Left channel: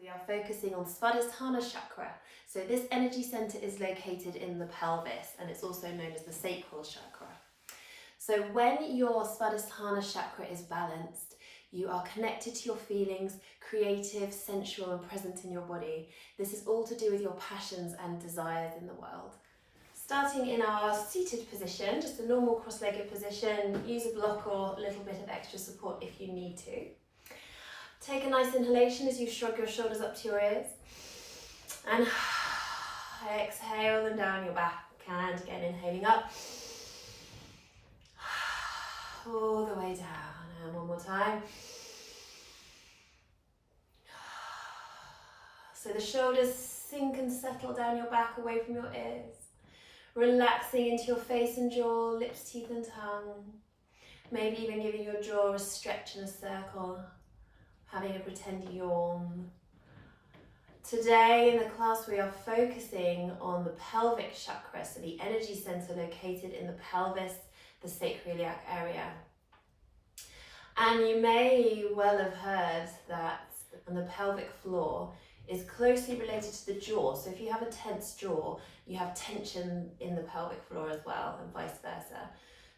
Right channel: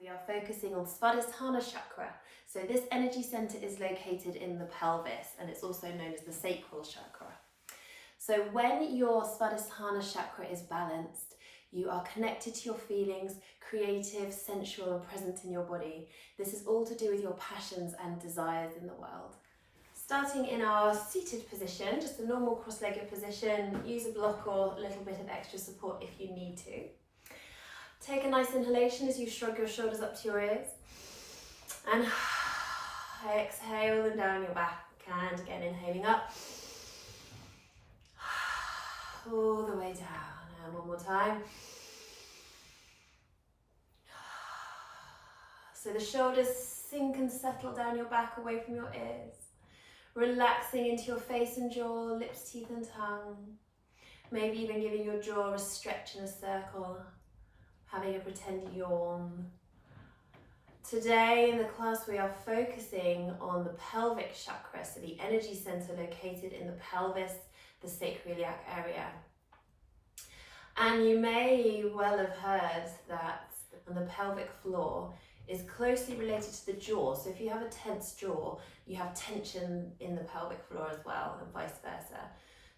We are focusing on Svadhisthana chakra. So this energy center is located in the pelvis, and it's also known as the sacral chakra. So when your Svadhisthana chakra is balanced, you are connected to your feelings, creative, sensual, and present in your body. This is all to do with your passions and desires in the world. Starting in our seated position, just a normal cross-legged position, use a block or a little bit of extra support if you need to. Take a nice inhalation as you shrug your shoulders up to your ears. And exhale them down your back. And again, inhaling up. All the way down. And one more time. So the shoulders sink and settle down your back away from your ears. Relaxing into your face and jaw, lips, teeth and tongue. Maybe even giving your jaw a stretch in a circle. Having a pretend yawn. Today in the class we are focusing on the pelvic chakra, so the energy center located in the pelvis, the sacroiliac area. And you may well have heard that the pelvic floor is closely related to the jaw. So if you have a tense jaw, you have tension in the pelvic floor as well, and vice versa.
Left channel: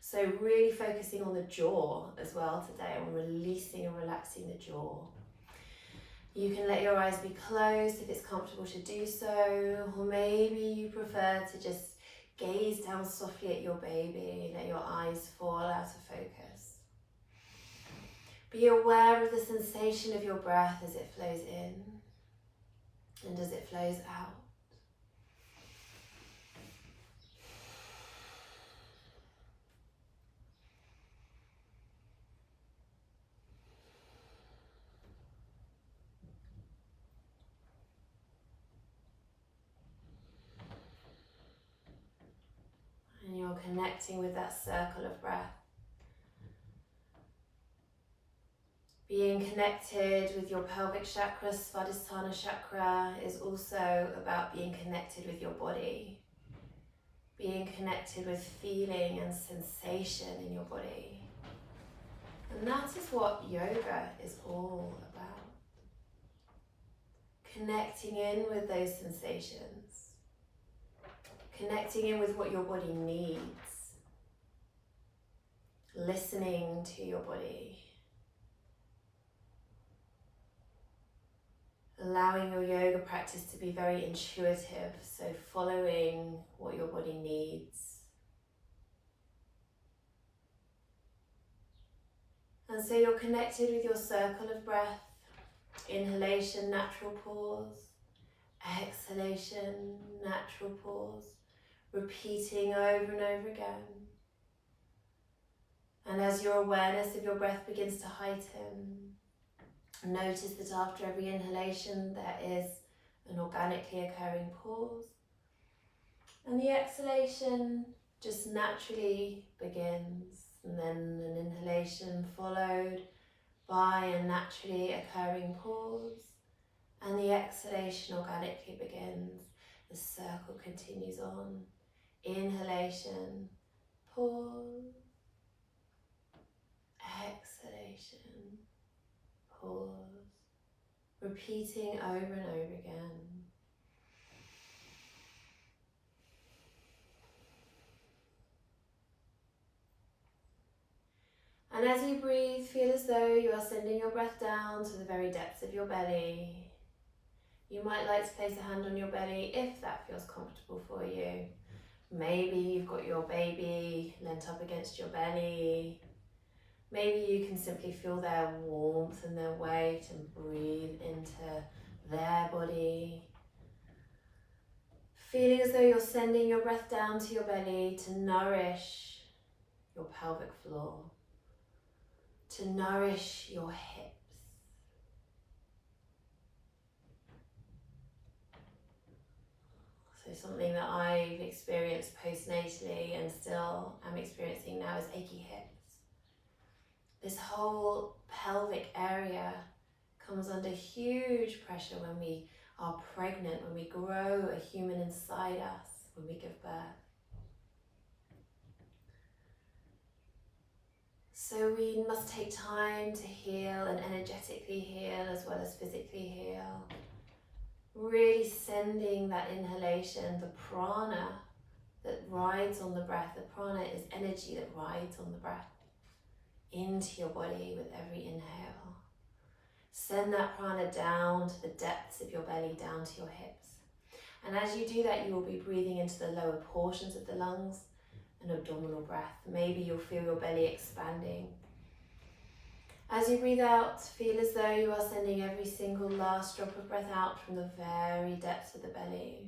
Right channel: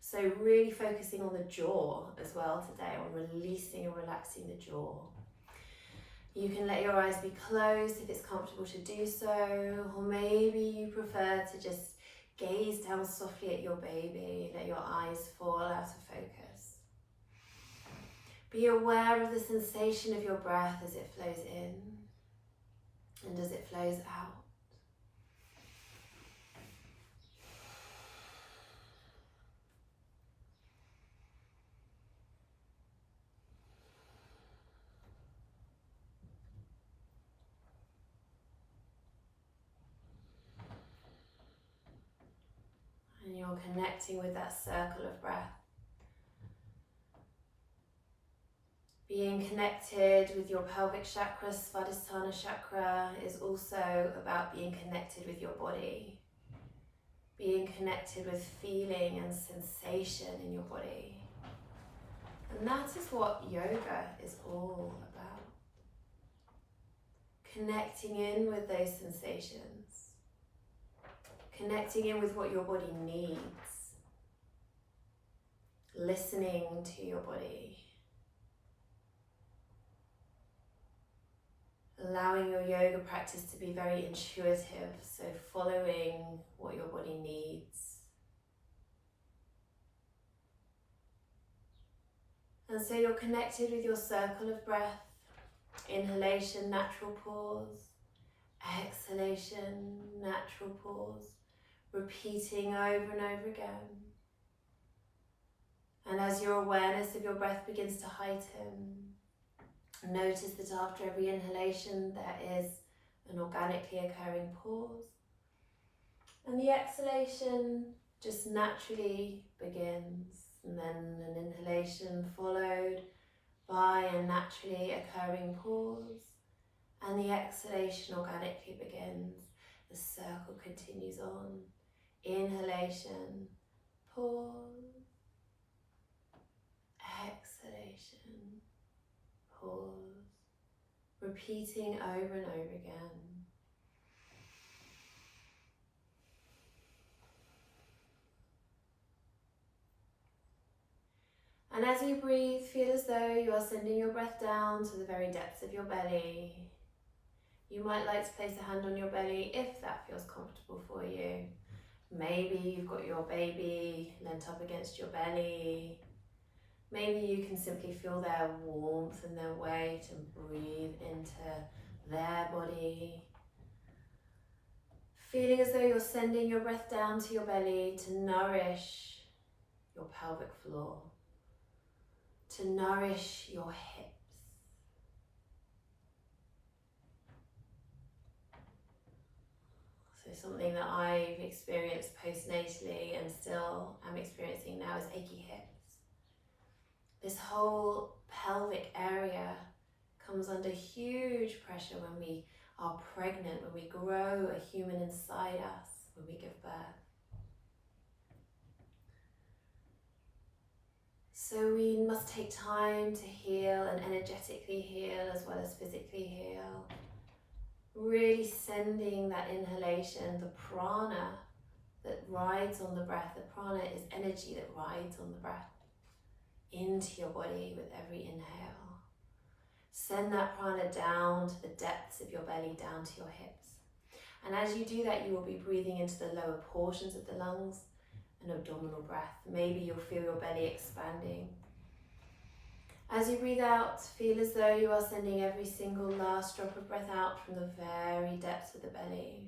So really focusing on the jaw as well today, on releasing and relaxing the jaw. You can let your eyes be closed if it's comfortable to do so, or maybe you prefer to just gaze down softly at your baby, let your eyes fall out of focus. Be aware of the sensation of your breath as it flows in and as it flows out. And you're connecting with that circle of breath. Being connected with your pelvic chakra, Svadhisthana chakra, is also about being connected with your body. Being connected with feeling and sensation in your body. And that is what yoga is all about. Connecting in with those sensations. Connecting in with what your body needs. Listening to your body. Allowing your yoga practice to be very intuitive, so following what your body needs. And so you're connected with your circle of breath. Inhalation, natural pause. Exhalation, natural pause. Repeating over and over again. And as your awareness of your breath begins to heighten, notice that after every inhalation there is an organically occurring pause. And the exhalation just naturally begins. And then an inhalation followed by a naturally occurring pause. And the exhalation organically begins. The circle continues on. Inhalation, pause. Exhalation. Pause, repeating over and over again. And as you breathe, feel as though you are sending your breath down to the very depths of your belly. You might like to place a hand on your belly if that feels comfortable for you. Maybe you've got your baby leant up against your belly. Maybe you can simply feel their warmth and their weight and breathe into their body. Feeling as though you're sending your breath down to your belly to nourish your pelvic floor, to nourish your hips. So something that I've experienced postnatally and still am experiencing now is achy hips. This whole pelvic area comes under huge pressure when we are pregnant, when we grow a human inside us, when we give birth. So we must take time to heal and energetically heal as well as physically heal. Really sending that inhalation, the prana that rides on the breath. The prana is energy that rides on the breath into your body with every inhale. Send that prana down to the depths of your belly, down to your hips. And as you do that, you will be breathing into the lower portions of the lungs, an abdominal breath. Maybe you'll feel your belly expanding. As you breathe out, feel as though you are sending every single last drop of breath out from the very depths of the belly.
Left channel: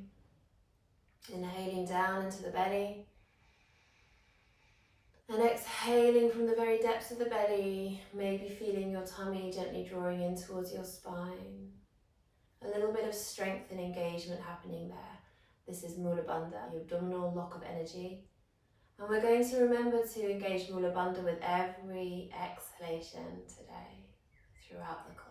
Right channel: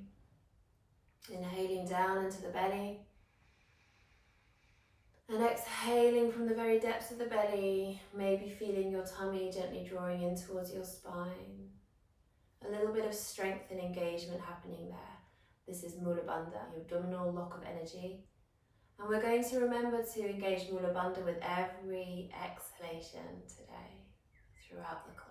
Inhaling down into the belly. And exhaling from the very depths of the belly, maybe feeling your tummy gently drawing in towards your spine. A little bit of strength and engagement happening there. This is Mula Bandha, the abdominal lock of energy. And we're going to remember to engage Mula Bandha with every exhalation today, throughout the class.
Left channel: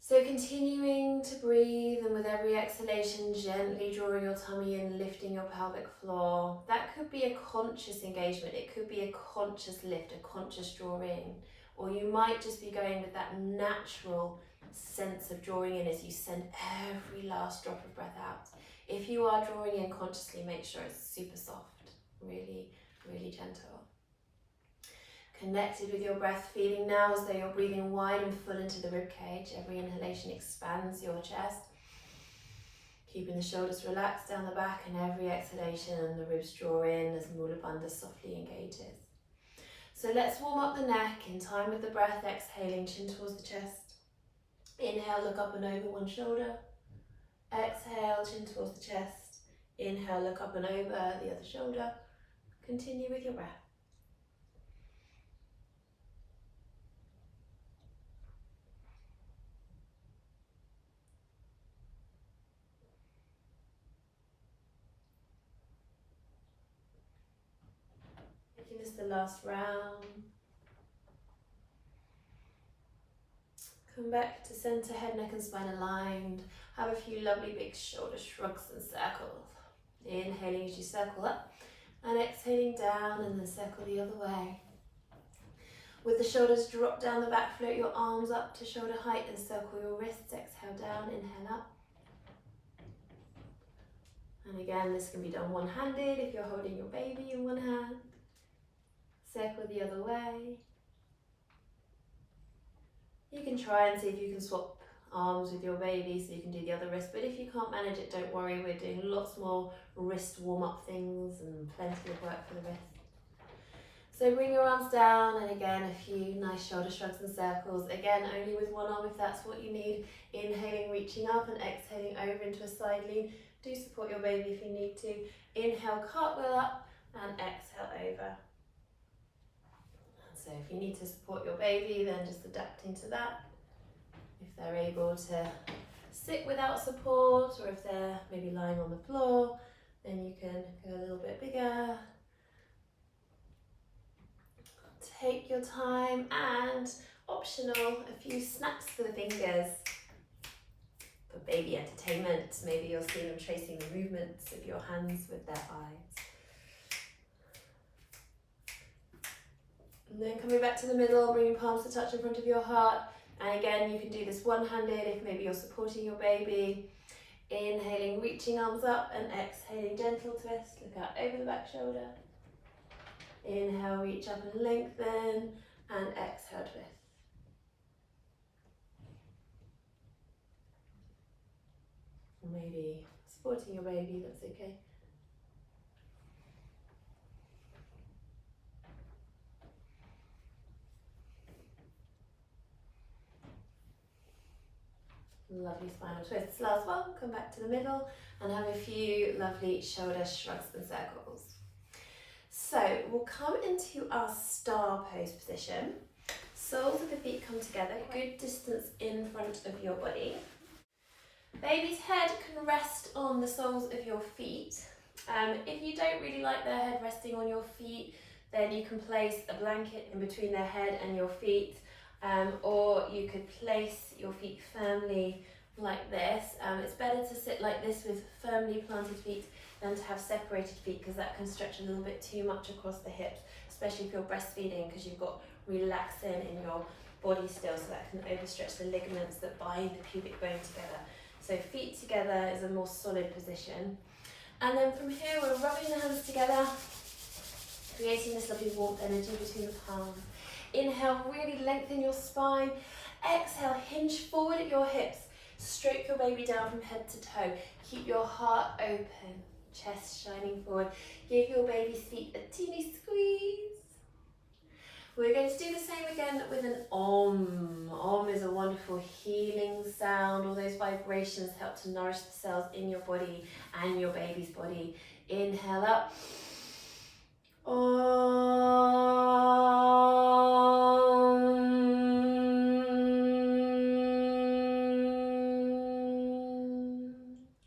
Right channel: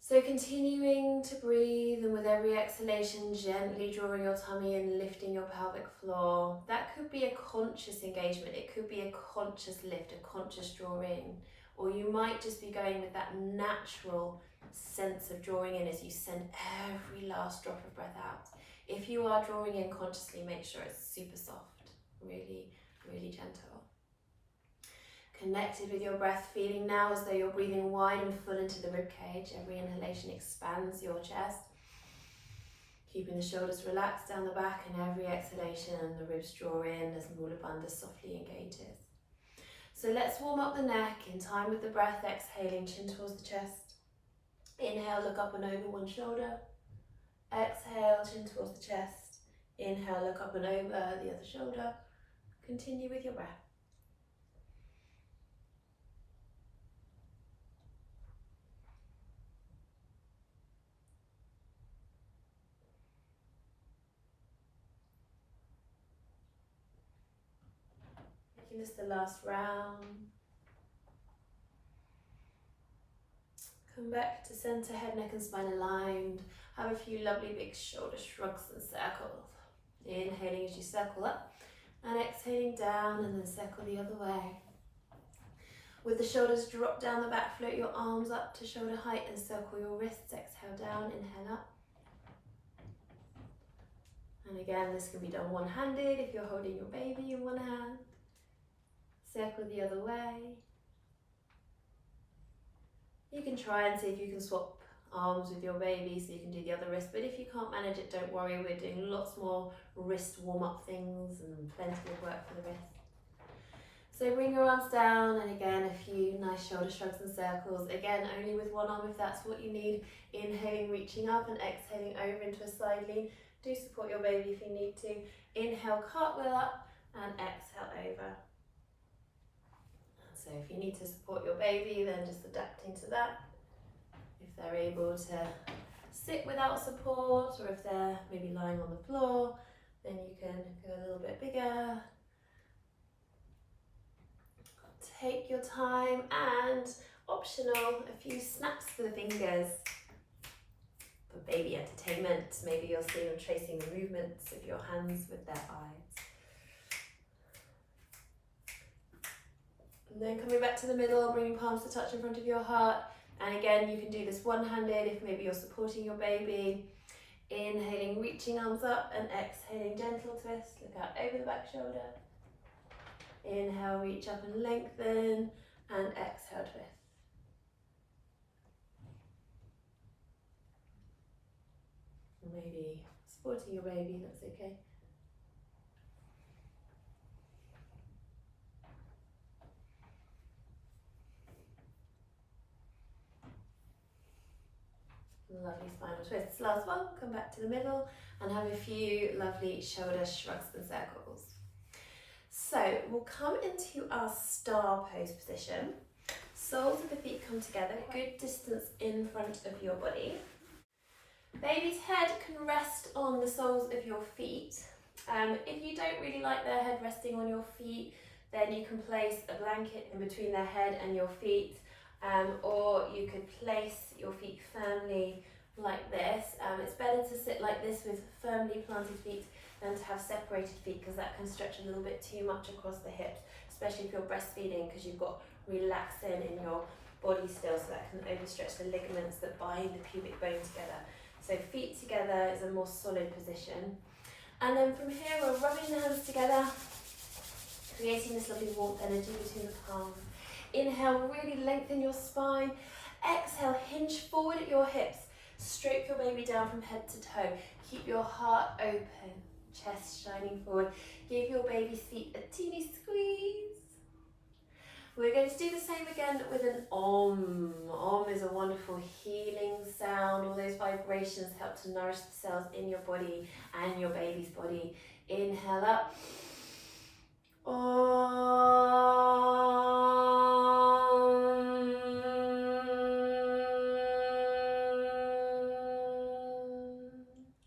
So continuing to breathe, and with every exhalation gently drawing your tummy in, lifting your pelvic floor. That could be a conscious engagement, it could be a conscious lift, a conscious draw in, or you might just be going with that natural sense of drawing in as you send every last drop of breath out. If you are drawing in consciously, make sure it's super soft, really, really gentle. Connected with your breath, feeling now as though you're breathing wide and full into the rib cage. Every inhalation expands your chest, keeping the shoulders relaxed down the back, and every exhalation the ribs draw in as Mula Bandha softly engages. So let's warm up the neck in time with the breath, exhaling, chin towards the chest. Inhale, look up and over one shoulder. Exhale, chin towards the chest. Inhale, look up and over the other shoulder. Continue with your breath. Making this the last round. Come back to center, head, neck and spine aligned. Have a few lovely big shoulder shrugs and circles. Inhaling as you circle up and exhaling down, and then circle the other way. With the shoulders drop down the back, float your arms up to shoulder height and circle your wrists. Exhale down, inhale up. And again, this can be done one-handed if you're holding your baby in one hand. Circle the other way. You can try and see if you can swap arms with your baby so you can do the other wrist, but if you can't manage it, don't worry, we're doing lots more wrist warm-up things and plenty of work for the wrist. So bring your arms down, and again a few nice shoulder shrugs and circles. Again, only with one arm if that's what you need. Inhaling, reaching up, and exhaling over into a side lean. Do support your baby if you need to. Inhale, cartwheel up, and exhale over. So if you need to support your baby, then just adapting to that. If they're able to sit without support, or if they're maybe lying on the floor, then you can go a little bit bigger. Take your time, and optional, a few snaps for the fingers for baby entertainment. Maybe you'll see them tracing the movements of your hands with their eyes. And then coming back to the middle, bringing palms to touch in front of your heart. And again, you can do this one-handed if maybe you're supporting your baby. Inhaling, reaching arms up, and exhaling, gentle twist. Look out over the back shoulder. Inhale, reach up and lengthen, and exhale, twist. Maybe supporting your baby, that's okay. Lovely spinal twists. Last one, come back to the middle and have a few lovely shoulder shrugs and circles. So we'll come into our star pose position. Soles of the feet come together, good distance in front of your body. Baby's head can rest on the soles of your feet. If you don't really like their head resting on your feet, then you can place a blanket in between their head and your feet, or you could place your feet firmly like this. It's better to sit like this with firmly planted feet than to have separated feet, because that can stretch a little bit too much across the hips, especially if you're breastfeeding, because you've got relaxin in your body still, so that can overstretch the ligaments that bind the pubic bone together. So feet together is a more solid position. And then from here, we're rubbing the hands together, creating this lovely warmth energy between the palms. Inhale, really lengthen your spine. Exhale, hinge forward at your hips. Stroke your baby down from head to toe. Keep your heart open, chest shining forward. Give your baby's feet a teeny squeeze. We're going to do the same again with an Om. Om is a wonderful healing sound. All those vibrations help to nourish the cells in your body and your baby's body. Inhale up. Om.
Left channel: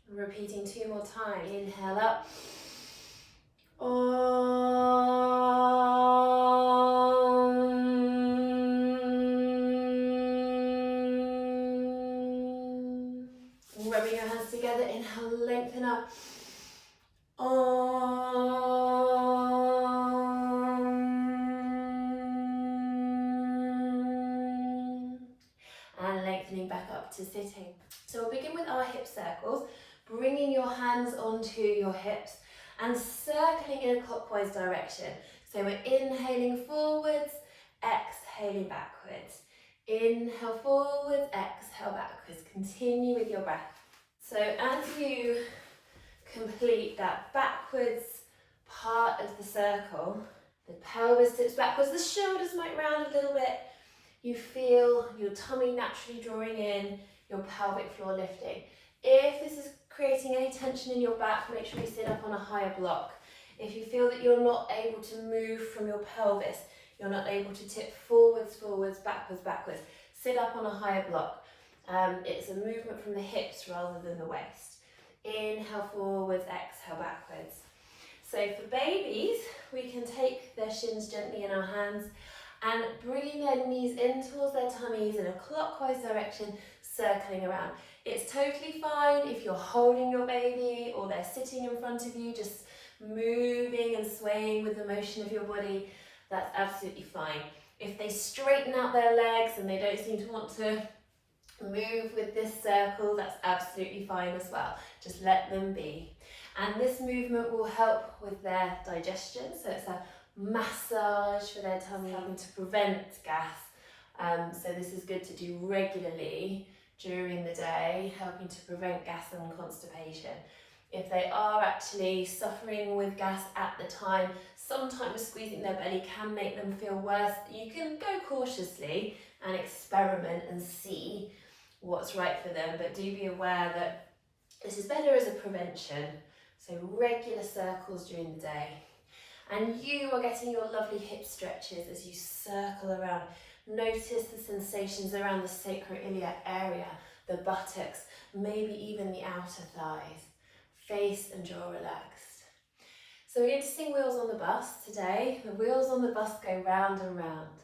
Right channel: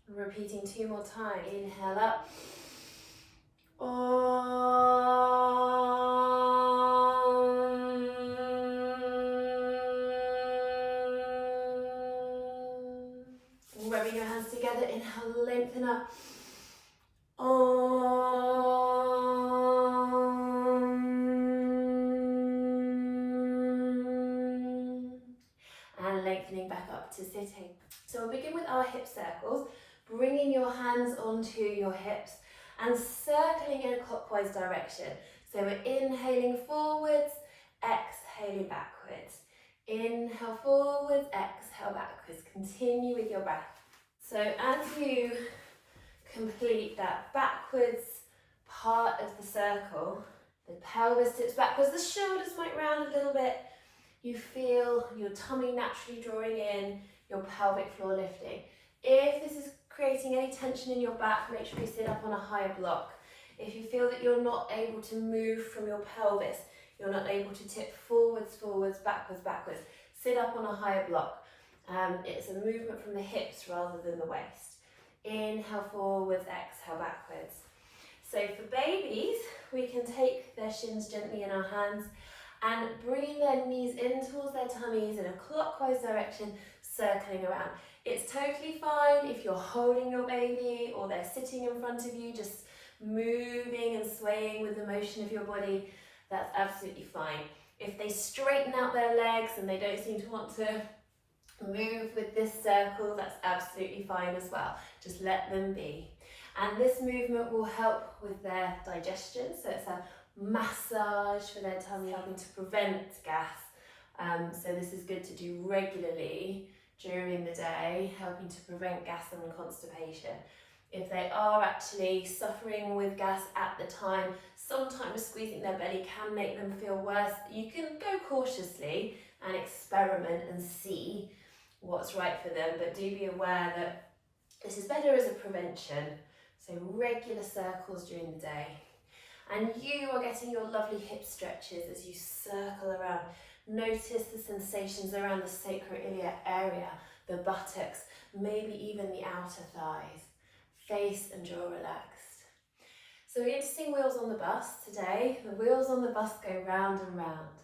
Repeating 2 more times. Inhale up. Rubbing your hands together, inhale, lengthen up. And lengthening back up to sitting. So we'll begin with our hip circles, bringing your hands onto your hips and circling in a clockwise direction. So we're inhaling forwards, exhaling backwards. Inhale forwards, exhale backwards. Continue with your breath. So as you complete that backwards part of the circle, the pelvis tips backwards, the shoulders might round a little bit. You feel your tummy naturally drawing in, your pelvic floor lifting. If this is creating any tension in your back, make sure you sit up on a higher block. If you feel that you're not able to move from your pelvis, you're not able to tip forwards, backwards, sit up on a higher block. It's a movement from the hips rather than the waist. Inhale forwards, exhale backwards. So for babies, we can take their shins gently in our hands and bringing their knees in towards their tummies in a clockwise direction, circling around. It's totally fine if you're holding your baby or they're sitting in front of you, just moving and swaying with the motion of your body. That's absolutely fine. If they straighten out their legs and they don't seem to want to move with this circle, that's absolutely fine as well. Just let them be. And this movement will help with their digestion. So it's a massage for their tummy, helping to prevent gas. So this is good to do regularly during the day, helping to prevent gas and constipation. If they are actually suffering with gas at the time, sometimes squeezing their belly can make them feel worse. You can go cautiously and experiment and see what's right for them, but do be aware that this is better as a prevention. So regular circles during the day. And you are getting your lovely hip stretches as you circle around. Notice the sensations around the sacroiliac area, the buttocks, maybe even the outer thighs. Face and jaw relaxed. So we're going to sing Wheels on the Bus today. The wheels on the bus go round and round.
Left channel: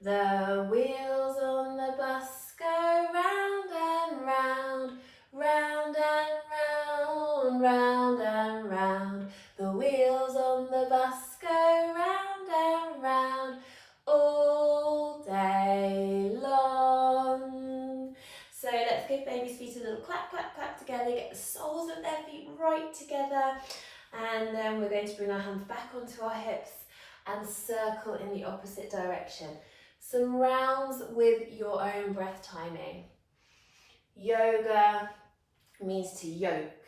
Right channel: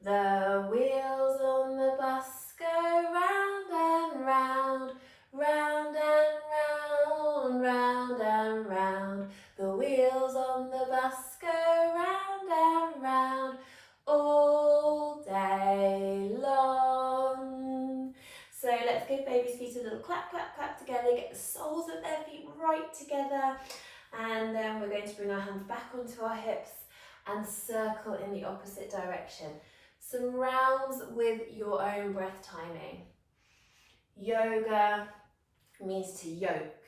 The wheels on the bus go round and round, round and round, round and round. The wheels on the bus go round and round all day long. So let's give baby's feet a little clap, clap, clap together, get the soles of their feet right together. And then we're going to bring our hands back onto our hips and circle in the opposite direction. Some rounds with your own breath timing. Yoga means to yoke,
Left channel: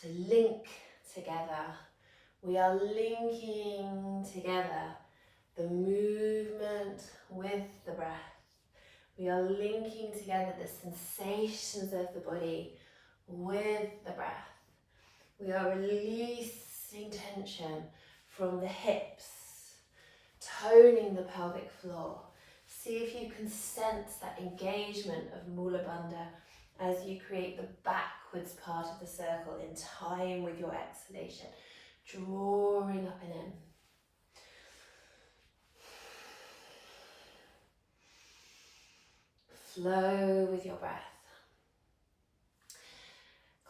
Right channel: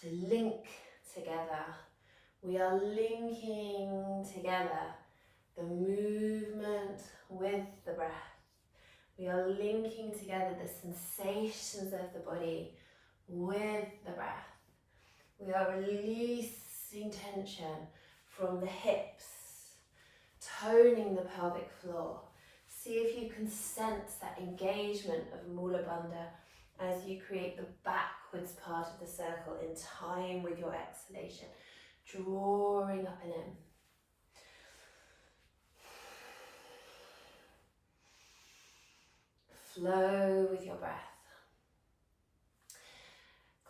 to link together. We are linking together the movement with the breath. We are linking together the sensations of the body with the breath. We are releasing tension from the hips, toning the pelvic floor. See if you can sense that engagement of Mula Bandha as you create the backwards part of the circle in time with your exhalation, drawing up and in. Flow with your breath.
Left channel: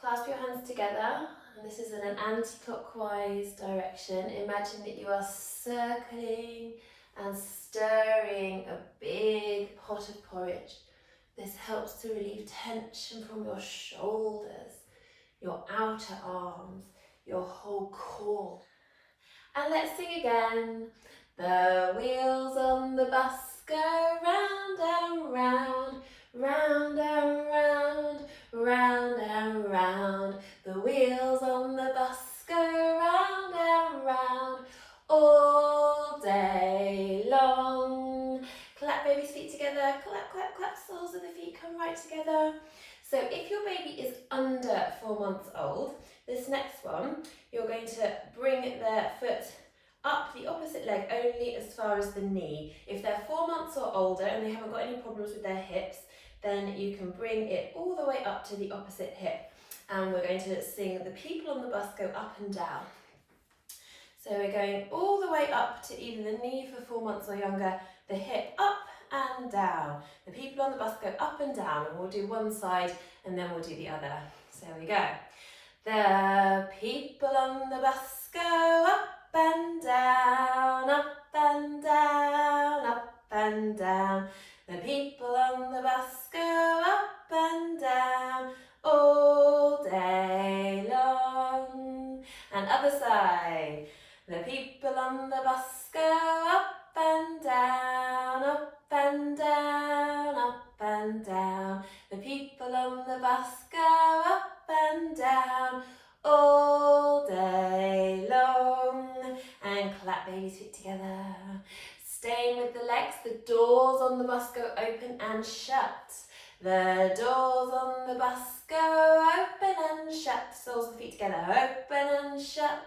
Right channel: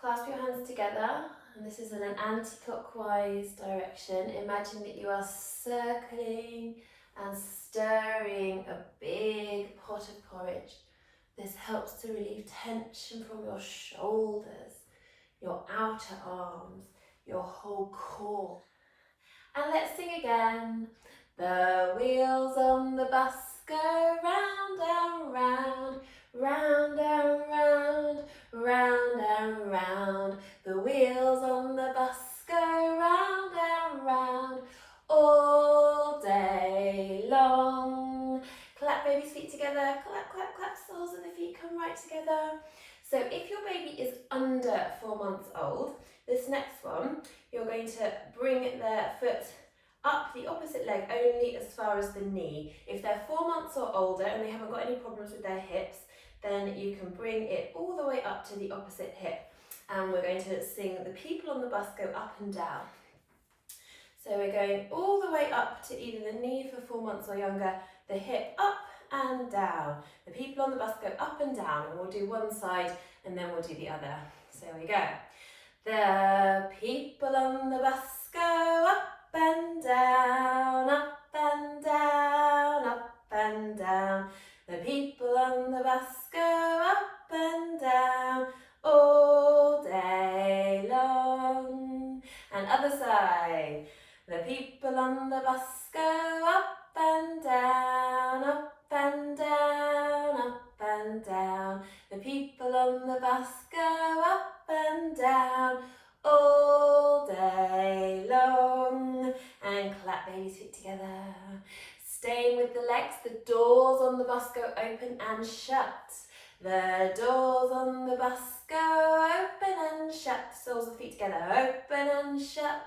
Clasp your hands together, and this is in an anti-clockwise direction. Imagine that you are circling and stirring a big pot of porridge. This helps to relieve tension from your shoulders, your outer arms, your whole core. And let's sing again. The wheels on the bus go round and round, round and round, round and round. The wheels on the bus go round and round all day long. Clap baby's feet together, clap, clap, clap, soles of the feet come right together. So if your baby is under 4 months old, this next one, you're going to bring their foot up the opposite leg only as far as the knee. If they're 4 months or older and they haven't got any problems with their hips, then you can bring it all the way up to the opposite hip. And we're going to sing The People on the Bus Go Up and Down. So we're going all the way up to either the knee for 4 months or younger, the hip up and down. The people on the bus go up and down, and we'll do one side and then we'll do the other. So here we go. The people on the bus go up and down, up and down, up and down. The people on the bus go up and down all day long. And other side. The people on the bus go up and down, up and down, up and down. The people on the bus go up and down all day long. And clap baby's feet together. Staying with the legs, the doors on the bus go open and shut. The doors on the bus go open and shut. Soles of the feet together, open and shut.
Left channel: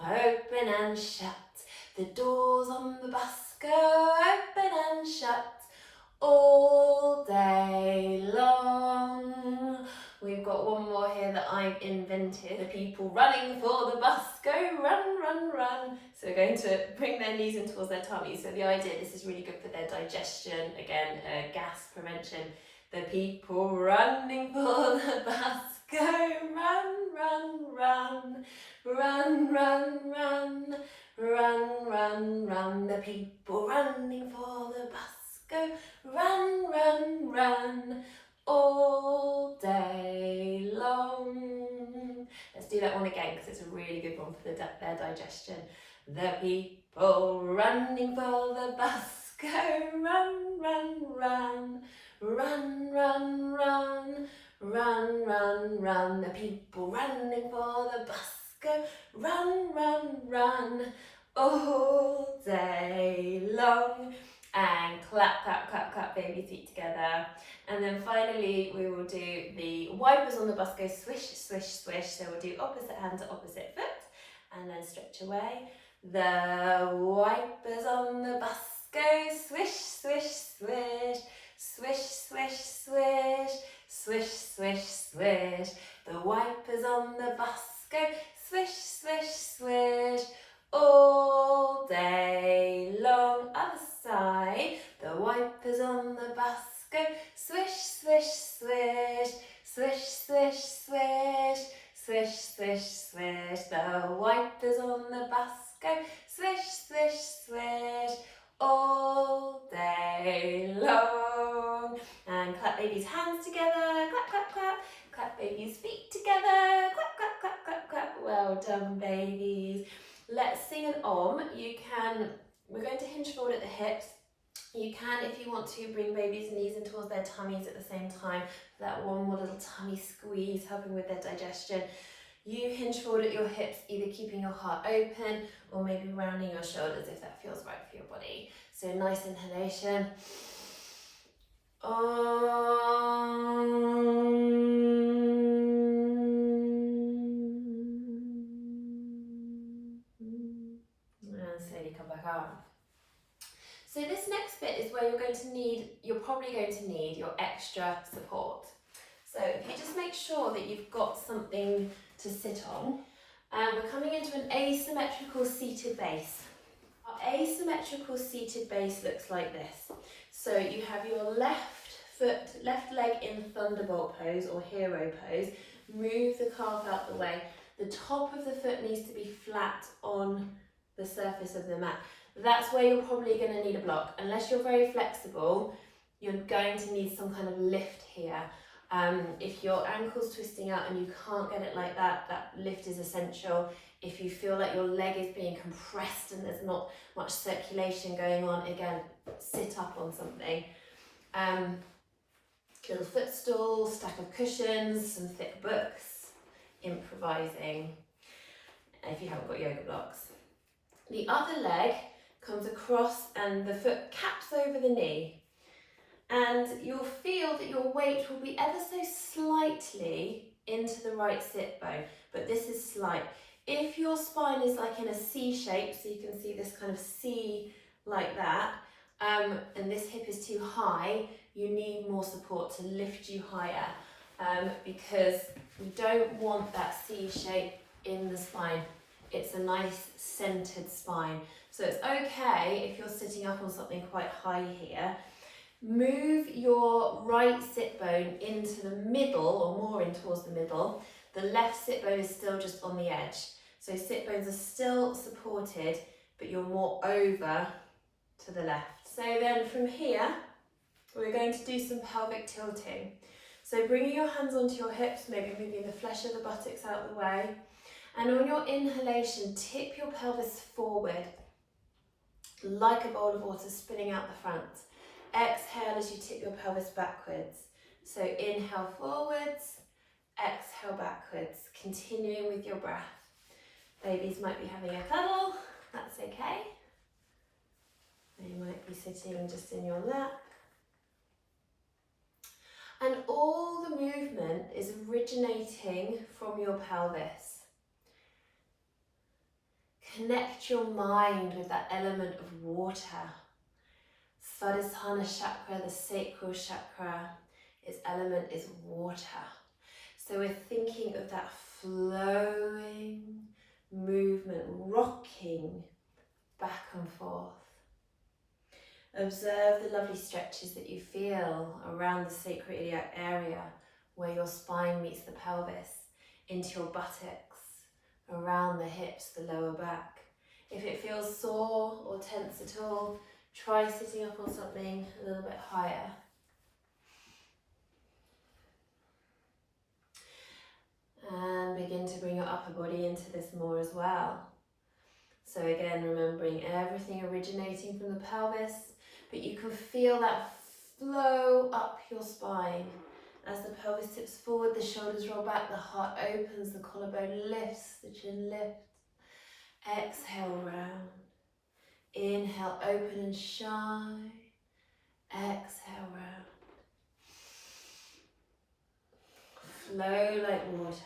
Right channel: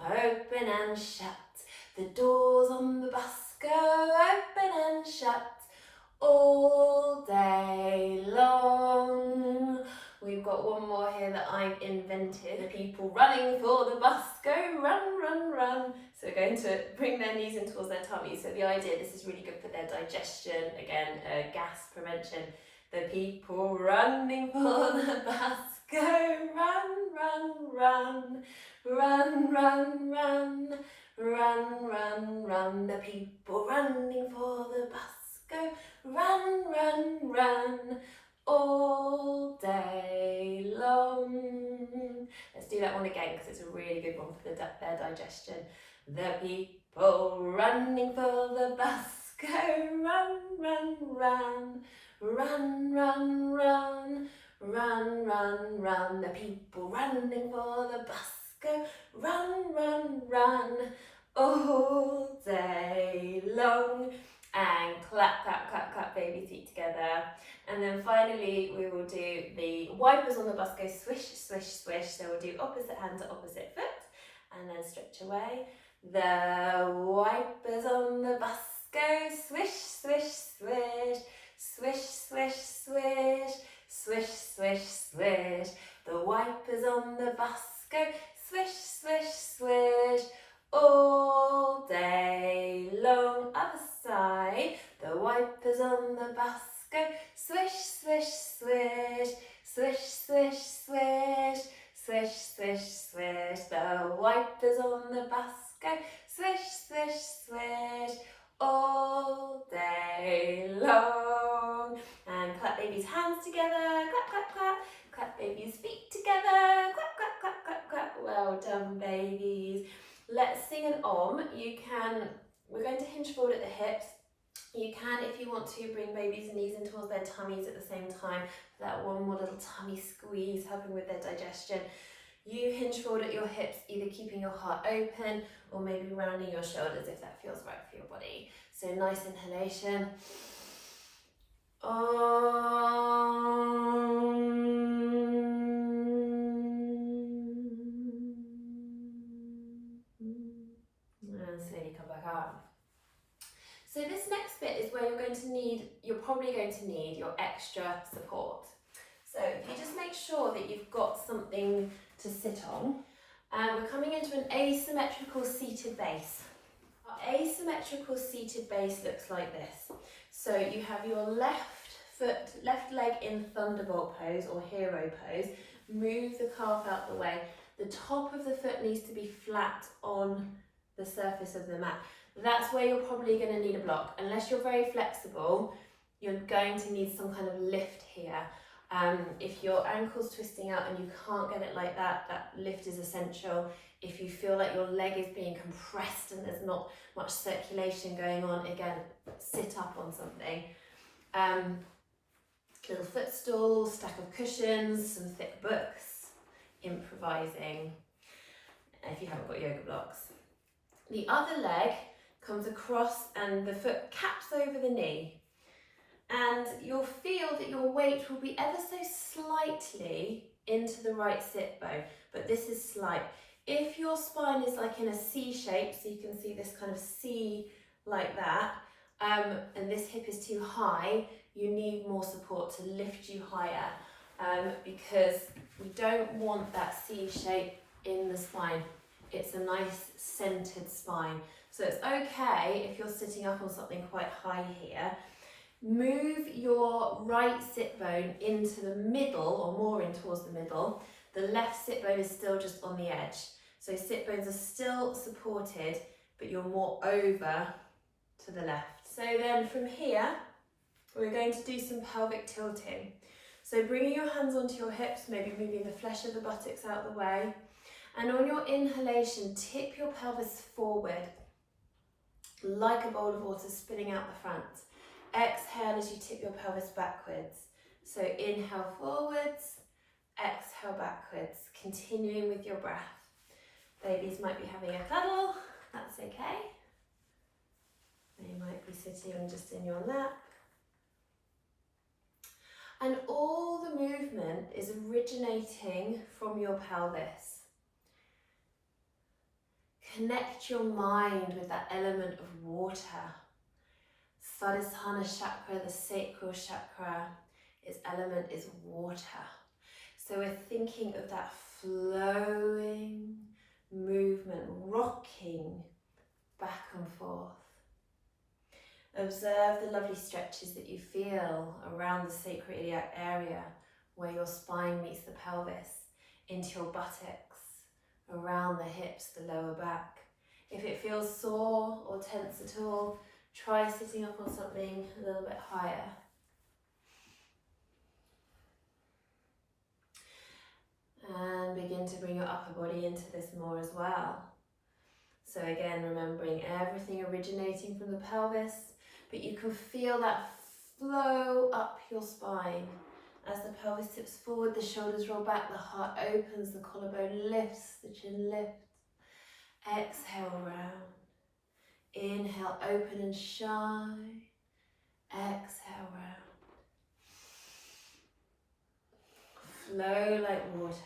Open and shut. The doors on the bus go open and shut all day long. We've got one more here that I've invented. The people running for the bus go run, run, run. So we're going to bring their knees in towards their tummies. So the idea, this is really good for their digestion. Again, gas prevention. The people running for the bus go run, run, run. Run, run, run, run, run, run. The people running for the bus go run, run, run all day long. Let's do that one again because it's a really good one for their digestion. The people running for the bus go run, run, run, run, run, run, run, run, run. The people running for the bus go run, run, run all day long. And clap, clap, clap, clap baby feet together. And then finally we will do the wipers on the bus go swish, swish, swish. So we'll do opposite hand to opposite foot and then stretch away. The wipers on the bus go swish, swish, swish, swish, swish, swish, swish, swish, swish. The wipers on the bus go swish, swish, swish, all day long. Other side. The wipers on the bus go swish, swish, swish, swish, swish, swish, swish, swish, swish. The wipers on the bus go swish, swish, swish, all day long. And clap baby's hands together, clap, clap, clap. Clap baby's feet together, clap, clap, clap, clap, clap. Well done, babies. Let's sing an om. We're going to hinge forward at the hips. You can, if you want to, bring baby's knees in towards their tummies at the same time. That one more little tummy squeeze, helping with their digestion. You hinge forward at your hips, either keeping your heart open or maybe rounding your shoulders if that feels right for your body. So nice inhalation. And slowly come back up. So this next bit is where you're probably going to need your extra support. So if you just make sure that you've got something to sit on. And we're coming into an asymmetrical seated base. Our asymmetrical seated base looks like this. So you have your left leg in thunderbolt pose or hero pose. Move the calf out the way. The top of the foot needs to be flat on the surface of the mat. that's where you're probably going to need a block. Unless you're very flexible, you're going to need some kind of lift here. If your ankle's twisting out and you can't get it like that, that lift is essential. If you feel like your leg is being compressed and there's not much circulation going on, again, sit up on something. Little footstool, stack of cushions, some thick books, improvising, if you haven't got yoga blocks. The other leg comes across and the foot caps over the knee. And you'll feel that your weight will be ever so slightly into the right sit bone, but this is slight. If your spine is like in a C shape, so you can see this kind of C like that, and this hip is too high, you need more support to lift you higher, because we don't want that C shape in the spine. It's a nice centered spine. So it's okay if you're sitting up on something quite high here. Move your right sit bone into the middle, or more in towards the middle. The left sit bone is still just on the edge. So sit bones are still supported, but you're more over to the left. So then from here, we're going to do some pelvic tilting. So bringing your hands onto your hips, maybe moving the flesh of the buttocks out the way. And on your inhalation, tip your pelvis forward, like a bowl of water spinning out the front. Exhale as you tip your pelvis backwards. So inhale forwards, exhale backwards, continuing with your breath. Babies might be having a cuddle, that's okay. They might be sitting just in your lap. And all the movement is originating from your pelvis. Connect your mind with that element of water. Svadhisthana chakra, the sacral chakra, its element is water. So we're thinking of that flowing movement, rocking back and forth. Observe the lovely stretches that you feel around the sacroiliac area where your spine meets the pelvis, into your buttocks, around the hips, the lower back. If it feels sore or tense at all, try sitting up on something a little bit higher. And begin to bring your upper body into this more as well. So again, remembering everything originating from the pelvis, but you can feel that flow up your spine. As the pelvis tips forward, the shoulders roll back, the heart opens, the collarbone lifts, the chin lifts. Exhale round. Inhale, open and shine. Exhale round. Flow like water.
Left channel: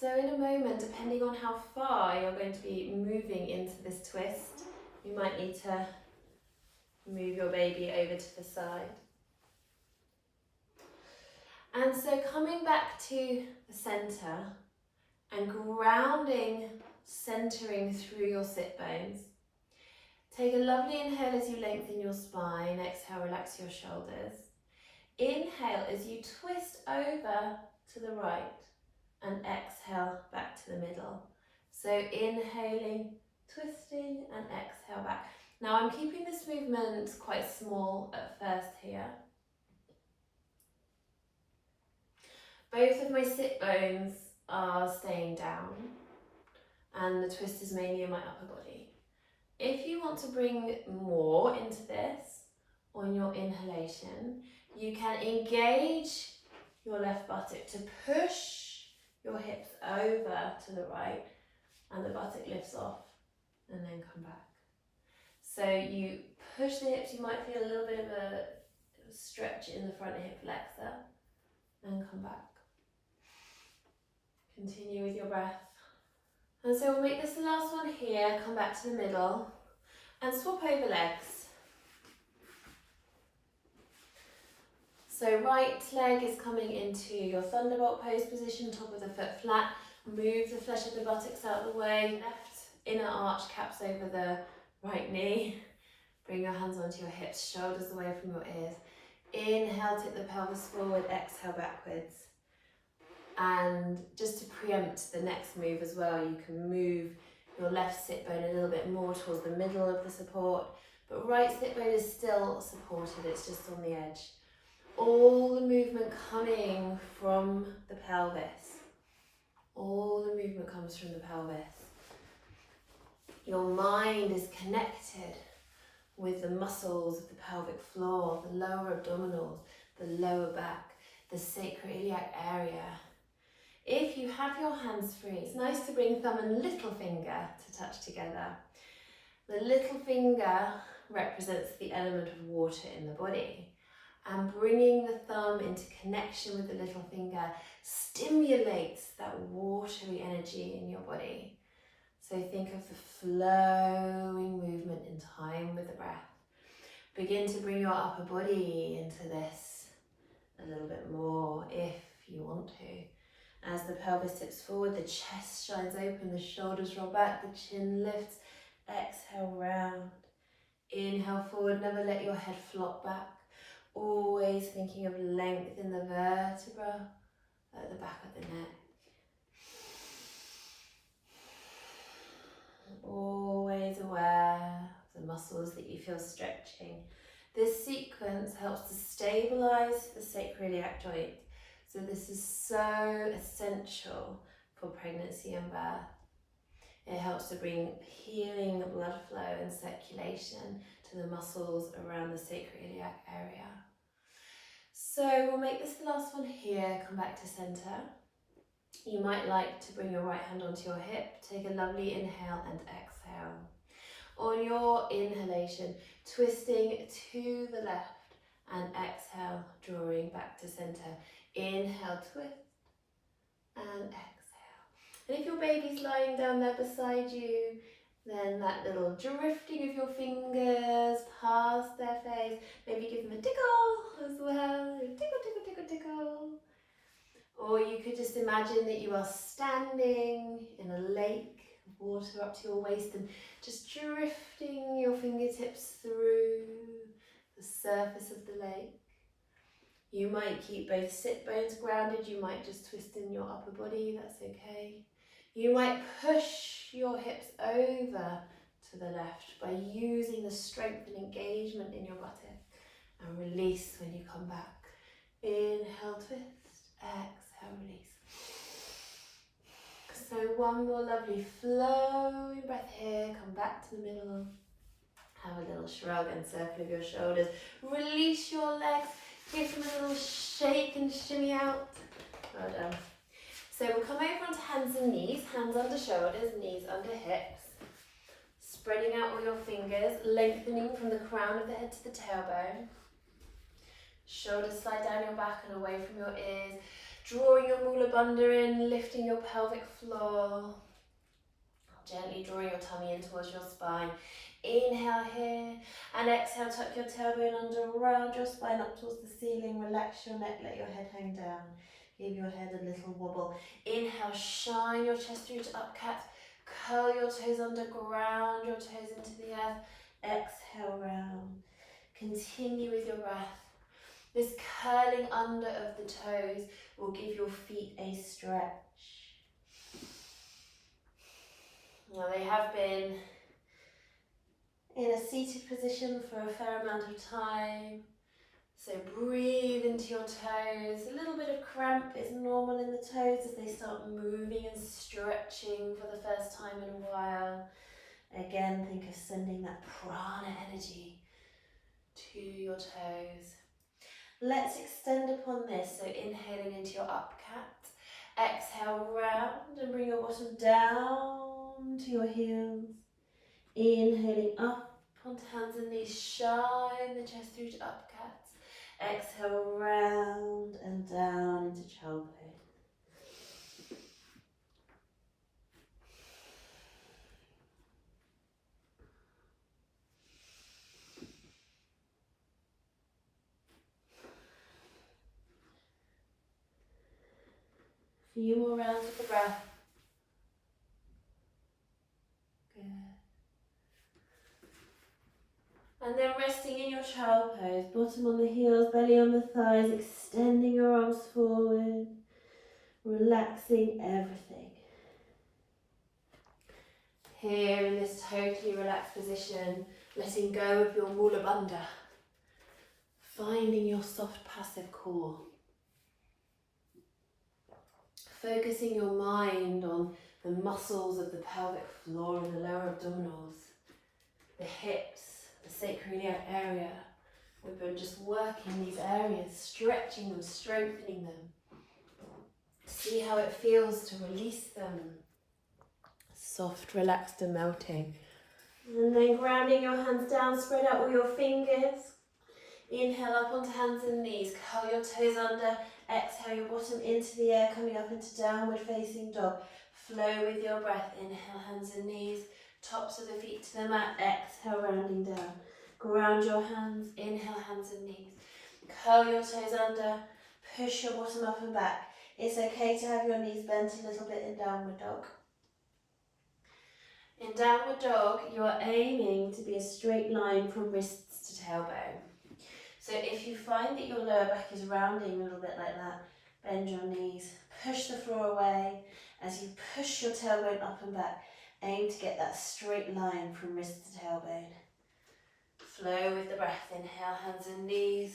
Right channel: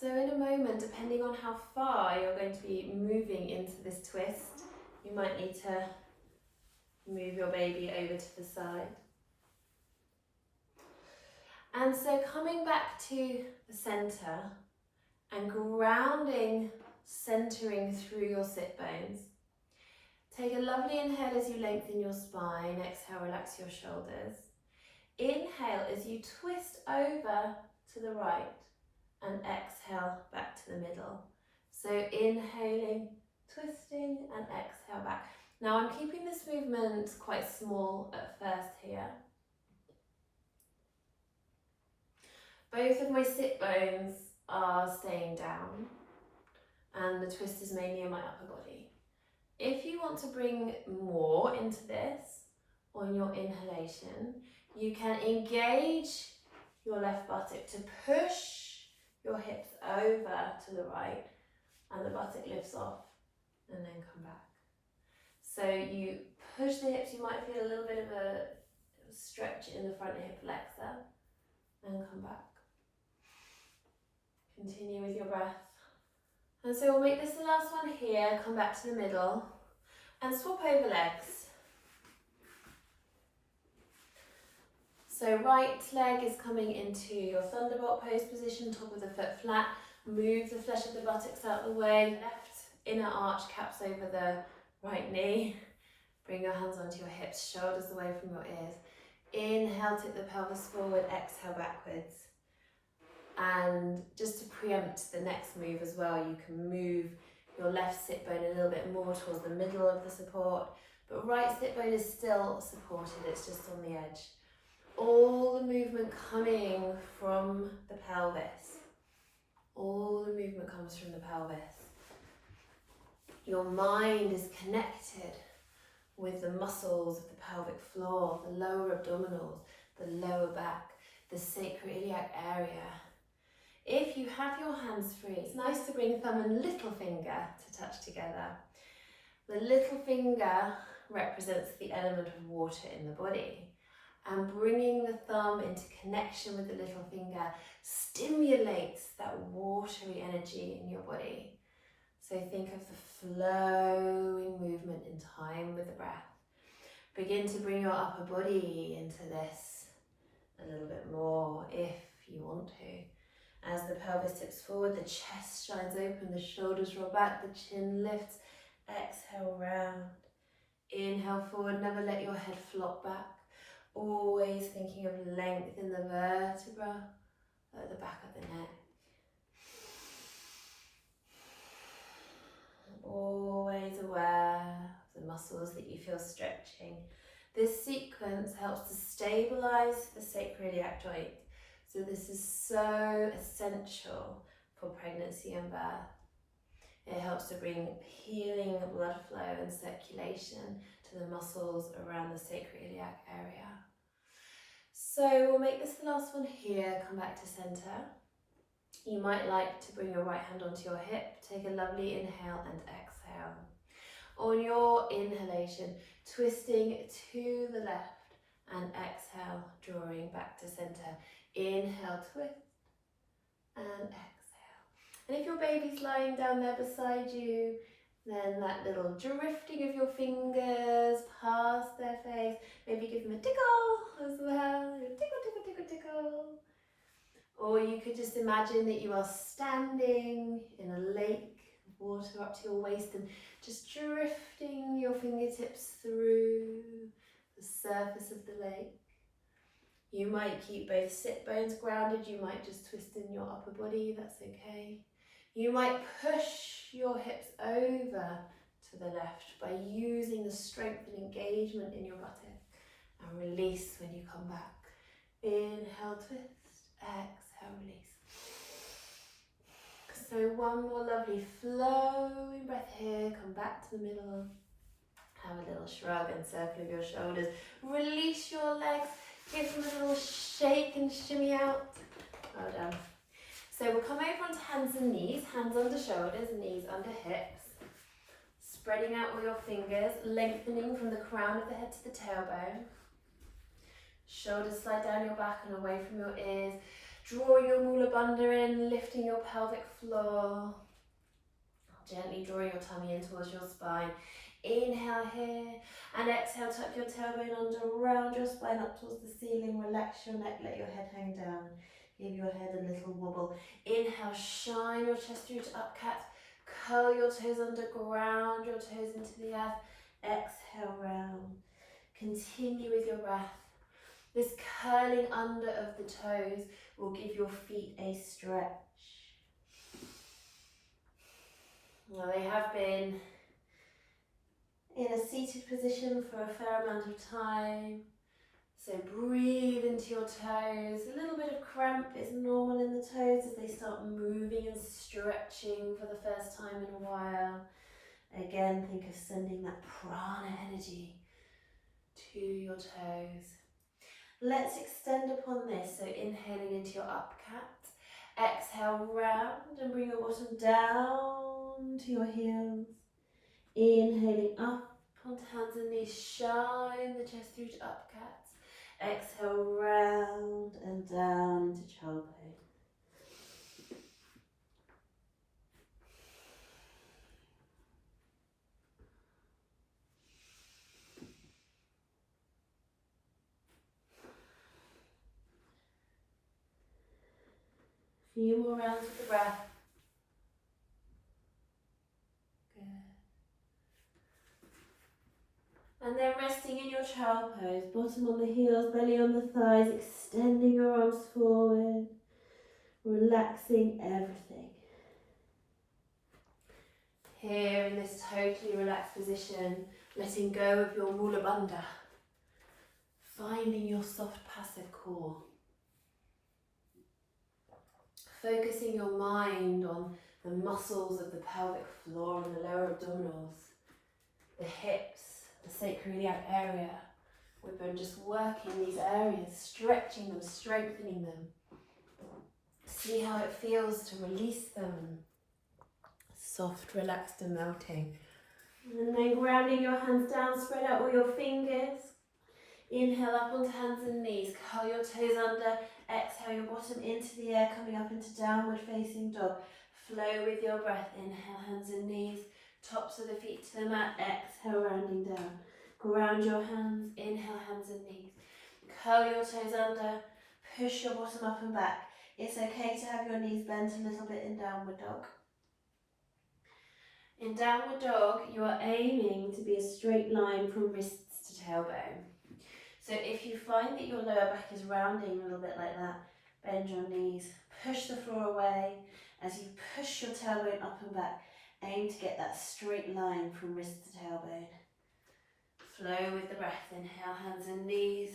So in a moment, depending on how far you're going to be moving into this twist, you might need to move your baby over to the side. And so coming back to the center and grounding, centering through your sit bones. Take a lovely inhale as you lengthen your spine. Exhale, relax your shoulders. Inhale as you twist over to the right. And exhale back to the middle. So inhaling, twisting, and exhale back. Now I'm keeping this movement quite small at first here. Both of my sit bones are staying down, and the twist is mainly in my upper body. If you want to bring more into this on your inhalation, you can engage your left buttock to push your hips over to the right, and the buttock lifts off and then come back. So you push the hips, you might feel a little bit of a stretch in the front hip flexor, and come back. Continue with your breath. And so we'll make this the last one here, come back to the middle, and swap over legs. So right leg is coming into your thunderbolt pose position, top of the foot flat. Move the flesh of the buttocks out of the way. Left inner arch caps over the right knee. Bring your hands onto your hips, shoulders away from your ears. Inhale, tip the pelvis forward, exhale backwards. And just to preempt the next move as well, you can move your left sit bone a little bit more towards the middle of the support, but right sit bone is still supported, it's just on the edge. All the movement coming from the pelvis. All the movement comes from the pelvis. Your mind is connected with the muscles of the pelvic floor, the lower abdominals, the lower back, the sacroiliac area. If you have your hands free, it's nice to bring thumb and little finger to touch together. The little finger represents the element of water in the body, and bringing the thumb into connection with the little finger stimulates that watery energy in your body. So think of the flowing movement in time with the breath. Begin to bring your upper body into this a little bit more if you want to. As the pelvis tips forward, the chest shines open, the shoulders roll back, the chin lifts. Exhale, round. Inhale forward, never let your head flop back. Always thinking of length in the vertebra at the back of the neck. Always aware of the muscles that you feel stretching. This sequence helps to stabilize the sacroiliac joint. So this is so essential for pregnancy and birth. It helps to bring healing blood flow and circulation to the muscles around the sacroiliac area. So we'll make this the last one here. Come back to center. You might like to bring your right hand onto your hip. Take a lovely inhale and exhale. On your inhalation, twisting to the left, and exhale, drawing back to center. Inhale, twist, and exhale. And if your baby's lying down there beside you, then that little drifting of your fingers past their face, maybe give them a tickle as well. Tickle, tickle, tickle, tickle. Or you could just imagine that you are standing in a lake of water up to your waist and just drifting your fingertips through the surface of the lake. You might keep both sit bones grounded, you might just twist in your upper body, that's okay. You might push your hips over to the left by using the strength and engagement in your buttock, and release when you come back. Inhale, twist, exhale, release. So one more lovely flowing breath here, come back to the middle. Have a little shrug and circle of your shoulders. Release your legs, give them a little shake and shimmy out. Well done. So we'll come over onto hands and knees, hands under shoulders, knees under hips. Spreading out all your fingers, lengthening from the crown of the head to the tailbone. Shoulders slide down your back and away from your ears. Drawing your mula bandha in, lifting your pelvic floor. Gently drawing your tummy in towards your spine. Inhale here, and exhale, tuck your tailbone under, round your spine up towards the ceiling. Relax your neck, let your head hang down. Give your head a little wobble. Inhale, shine your chest through to up cat. Curl your toes under, ground your toes into the earth. Exhale, round. Continue with your breath. This curling under of the toes will give your feet a stretch. Now they have been in a seated position for a fair amount of time. So breathe into your toes. A little bit of cramp is normal in the toes as they start moving and stretching for the first time in a while. Again, think of sending that prana energy to your toes. Let's extend upon this. So inhaling into your up cat. Exhale, round and bring your bottom down to your heels. Inhaling up onto hands and knees. Shine the chest through to up cat. Exhale, round and down into child pose. A few more rounds with the breath. Good. And then resting in your child pose, bottom on the heels, belly on the thighs, extending your arms forward, relaxing everything. Here in this totally relaxed position, letting go of your mula bandha, finding your soft passive core. Focusing your mind on the muscles of the pelvic floor and the lower abdominals, the hips, the sacroiliac area. We've been just working these areas, stretching them, strengthening them. See how it feels to release them. Soft, relaxed and melting. And then grounding your hands down, spread out all your fingers. Inhale up onto hands and knees, curl your toes under, exhale your bottom into the air, coming up into downward facing dog. Flow with your breath, inhale hands and knees, tops of the feet to the mat, exhale rounding down. Ground your hands, inhale hands and knees. Curl your toes under, push your bottom up and back. It's okay to have your knees bent a little bit in downward dog. In downward dog, you are aiming to be a straight line from wrists to tailbone. So if you find that your lower back is rounding a little bit like that, bend your knees, push the floor away. As you push your tailbone up and back, aim to get that straight line from wrist to tailbone. Flow with the breath, inhale hands and knees,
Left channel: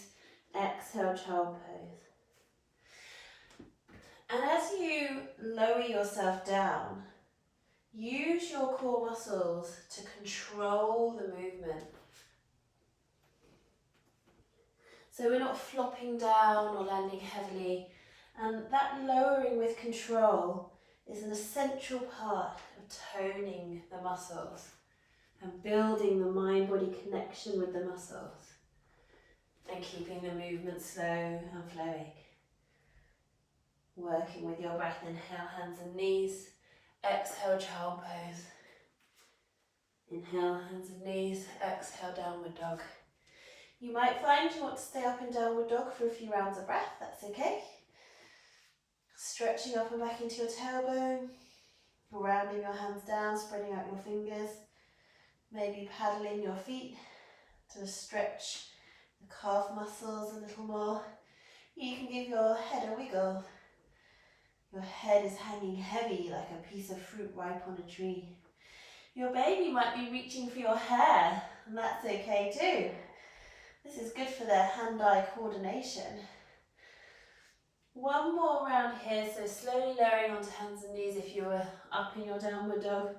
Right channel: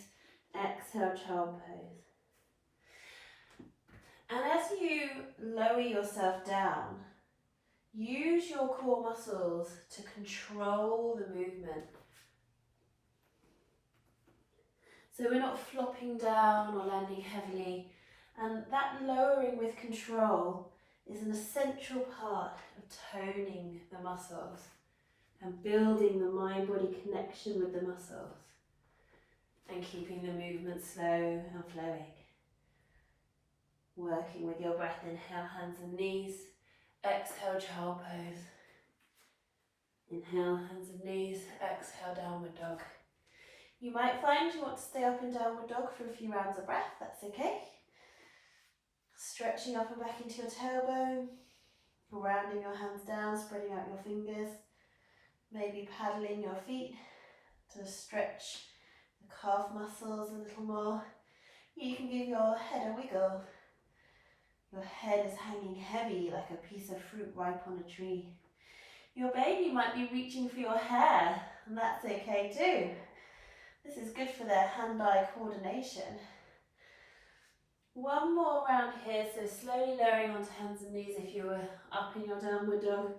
exhale child pose. And as you lower yourself down, use your core muscles to control the movement. So we're not flopping down or landing heavily. And that lowering with control is an essential part of toning the muscles and building the mind-body connection with the muscles and keeping the movement slow and flowing. Working with your breath, inhale hands and knees, exhale child pose. Inhale hands and knees, exhale downward dog. You might find you want to stay up in downward dog for a few rounds of breath, that's okay. Stretching up and back into your tailbone, rounding your hands down, spreading out your fingers, maybe paddling your feet to stretch the calf muscles a little more. You can give your head a wiggle. Your head is hanging heavy like a piece of fruit ripe on a tree. Your baby might be reaching for your hair, and that's okay too. This is good for their hand-eye coordination. One more round here, so slowly lowering onto hands and knees if you were up in your downward dog.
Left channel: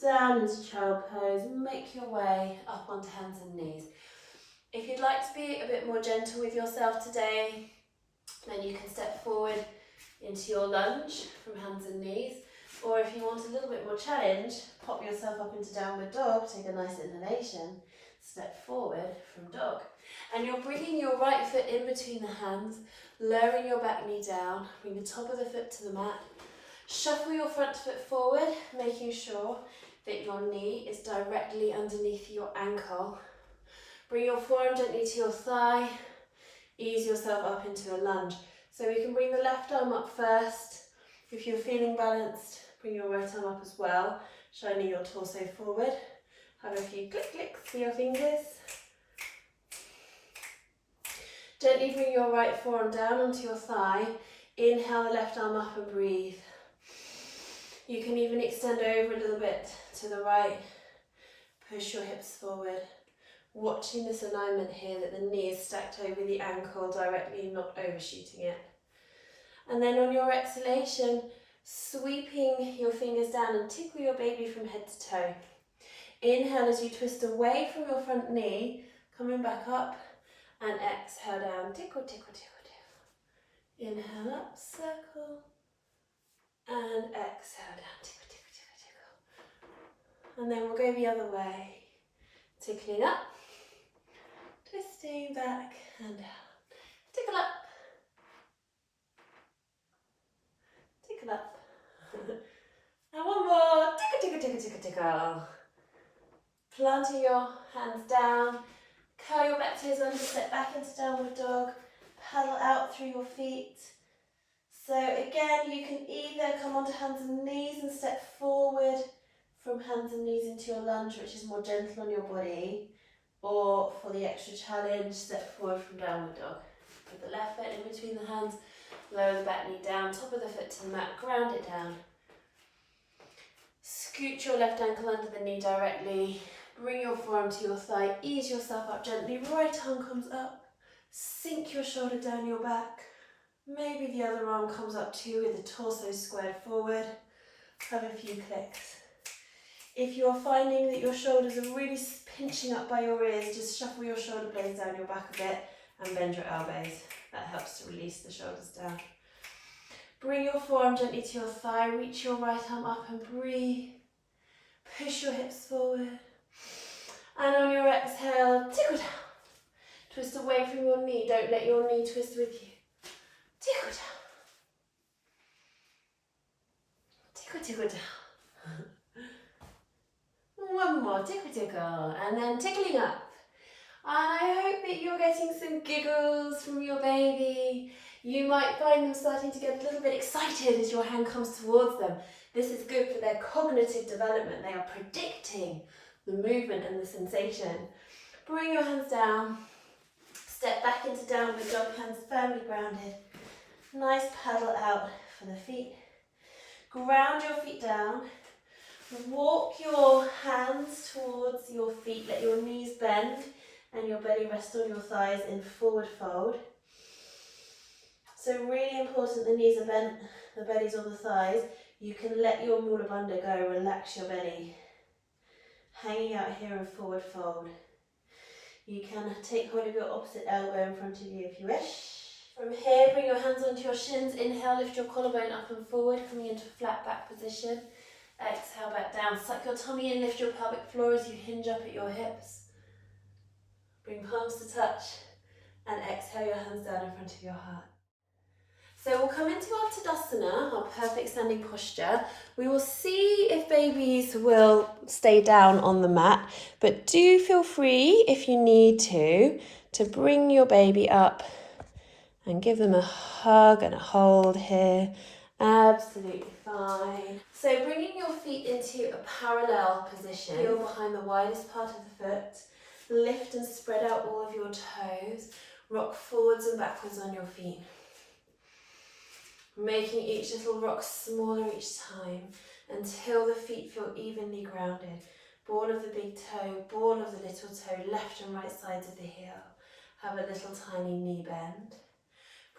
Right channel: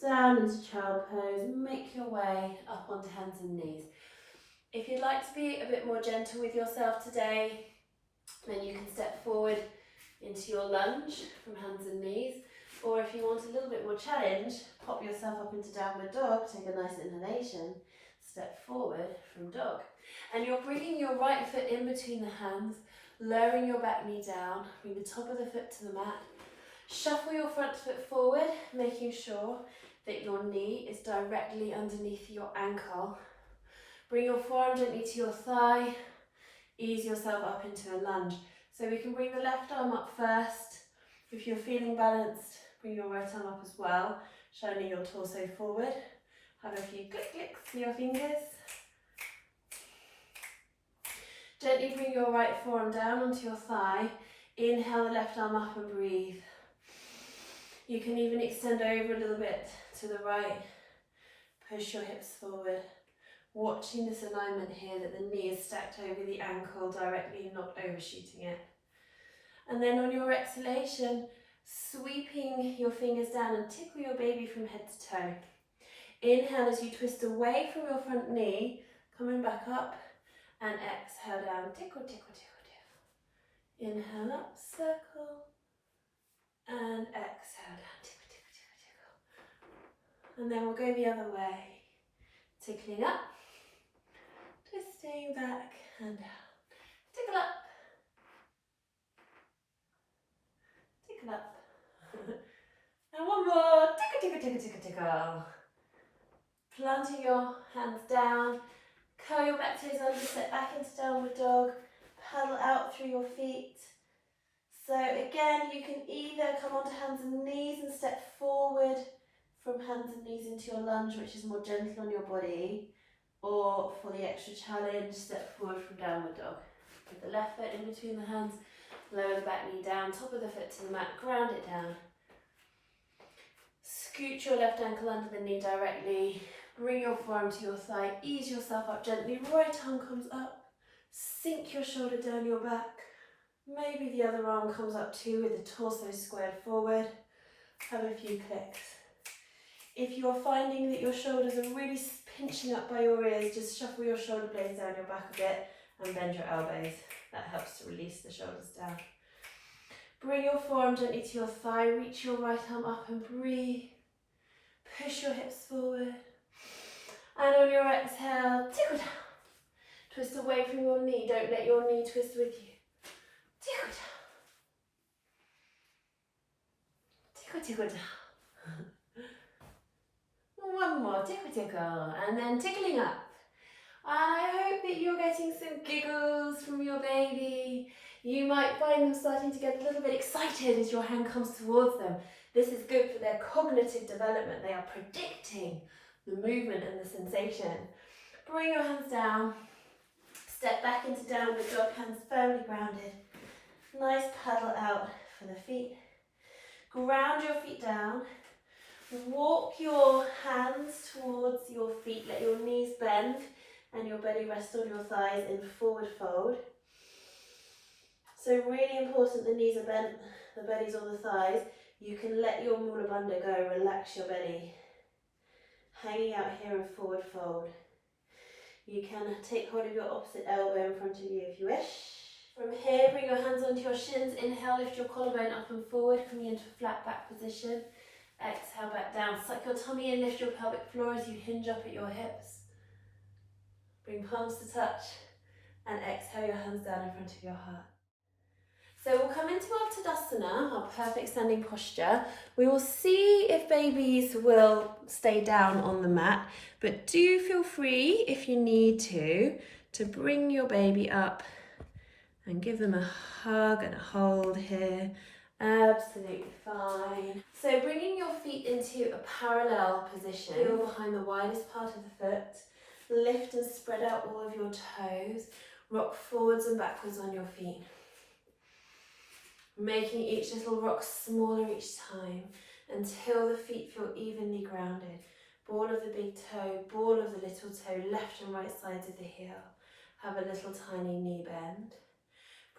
Down into child pose, make your way up onto hands and knees. If you'd like to be a bit more gentle with yourself today, then you can step forward into your lunge from hands and knees. Or if you want a little bit more challenge, pop yourself up into downward dog, take a nice inhalation, step forward from dog. And you're bringing your right foot in between the hands, lowering your back knee down, bring the top of the foot to the mat. Shuffle your front foot forward, making sure that your knee is directly underneath your ankle. Bring your forearm gently to your thigh, ease yourself up into a lunge. So we can bring the left arm up first. If you're feeling balanced, bring your right arm up as well, shining your torso forward. Have a few clicks with your fingers. Gently bring your right forearm down onto your thigh. Inhale the left arm up and breathe. You can even extend over a little bit to the right. Push your hips forward. Watching this alignment here, that the knee is stacked over the ankle directly, not overshooting it. And then on your exhalation, sweeping your fingers down and tickle your baby from head to toe. Inhale as you twist away from your front knee, coming back up, and exhale down, tickle, tickle, tickle, tickle. Inhale up, circle, and exhale down, tickle, tickle, tickle, tickle. And then we'll go the other way, tickling up, twisting back and down, tickle up, tickle up. And one more, tickle, tickle, tickle, tickle, tickle. Planting your hands down, curl your back toes under, step back into downward dog, paddle out through your feet. So again, you can either come onto hands and knees and step forward from hands and knees into your lunge, which is more gentle on your body, Or for the extra challenge, step forward from downward dog. Put the left foot in between the hands, lower the back knee down, top of the foot to the mat, ground it down. Scoot your left ankle under the knee directly, bring your forearm to your thigh, ease yourself up gently, right arm comes up, sink your shoulder down your back, maybe the other arm comes up too with the torso squared forward, have a few clicks. If you're finding that your shoulders are really pinching up by your ears, just shuffle your shoulder blades down your back a bit and bend your elbows. That helps to release the shoulders down. Bring your forearm gently to your thigh, reach your right arm up and breathe. Push your hips forward. And on your exhale, tickle down. Twist away from your knee, don't let your knee twist with you. Tickle down. Tickle, tickle down. One more, tickle, tickle. And then tickling up. And I hope that you're getting some giggles from your baby. You might find them starting to get a little bit excited as your hand comes towards them. This is good for their cognitive development. They are predicting the movement and the sensation. Bring your hands down. Step back into downward dog, hands firmly grounded. Nice paddle out for the feet. Ground your feet down. Walk your hands towards your feet. Let your knees bend and your belly rest on your thighs in forward fold. So really important, the knees are bent, the belly's on the thighs. You can let your mula bandha go, relax your belly. Hanging out here in forward fold. You can take hold of your opposite elbow in front of you if you wish. From here, bring your hands onto your shins. Inhale, lift your collarbone up and forward, coming into flat back position. Exhale, back down. Suck your tummy in, lift your pelvic floor as you hinge up at your hips. Bring palms to touch and exhale your hands down in front of your heart. So we'll come into our Tadasana, our perfect standing posture. We will see if babies will stay down on the mat, but do feel free, if you need to bring your baby up and give them a hug and a hold here. Absolutely fine. So bringing your feet into a parallel position, heel behind the widest part of the foot. Lift and spread out all of your toes. Rock forwards and backwards on your feet. Making each little rock smaller each time until the feet feel evenly grounded. Ball of the big toe, ball of the little toe, left and right sides of the heel. Have a little tiny knee bend.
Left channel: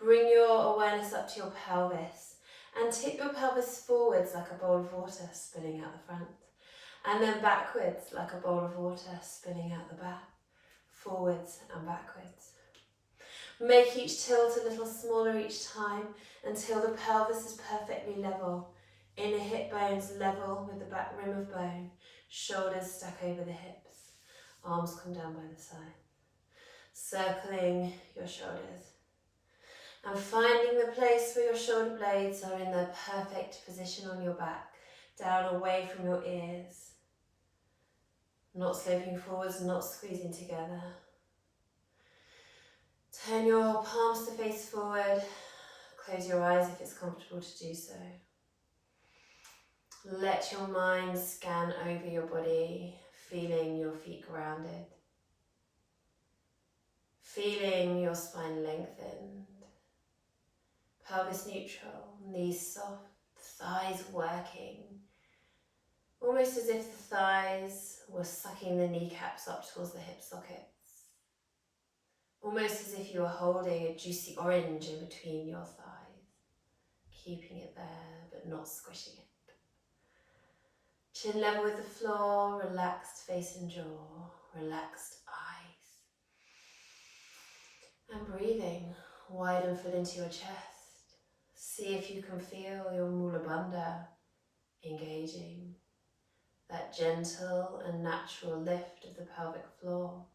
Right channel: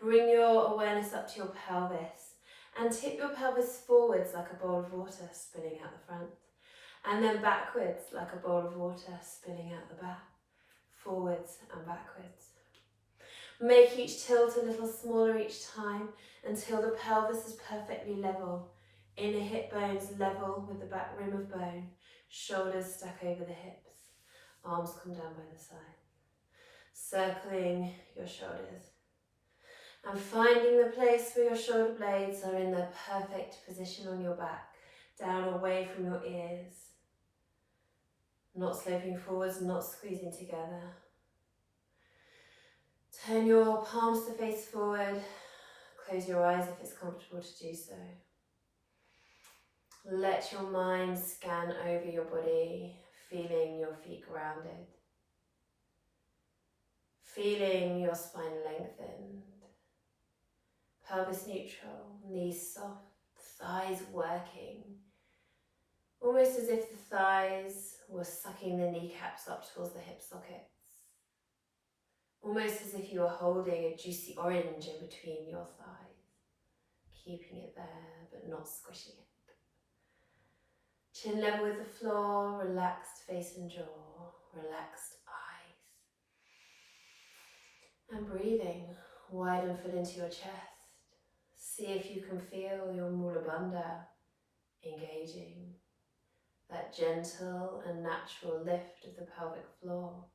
Bring your awareness up to your pelvis and tip your pelvis forwards like a bowl of water spilling out the front. And then backwards like a bowl of water spilling out the back. Forwards and backwards. Make each tilt a little smaller each time until the pelvis is perfectly level. Inner hip bones level with the back rim of bone. Shoulders stack over the hips. Arms come down by the side. Circling your shoulders. And finding the place where your shoulder blades are in the perfect position on your back. Down away from your ears. Not sloping forwards, not squeezing together. Turn your palms to face forward. Close your eyes if it's comfortable to do so. Let your mind scan over your body, feeling your feet grounded. Feeling your spine lengthened. Pelvis neutral, knees soft, thighs working. Almost as if the thighs were sucking the kneecaps up towards the hip sockets. Almost as if you were holding a juicy orange in between your thighs, keeping it there but not squishing it. Chin level with the floor, relaxed face and jaw, relaxed eyes. And breathing, widen full into your chest. See if you can feel your mula bandha engaging, that gentle and natural lift of the pelvic floor.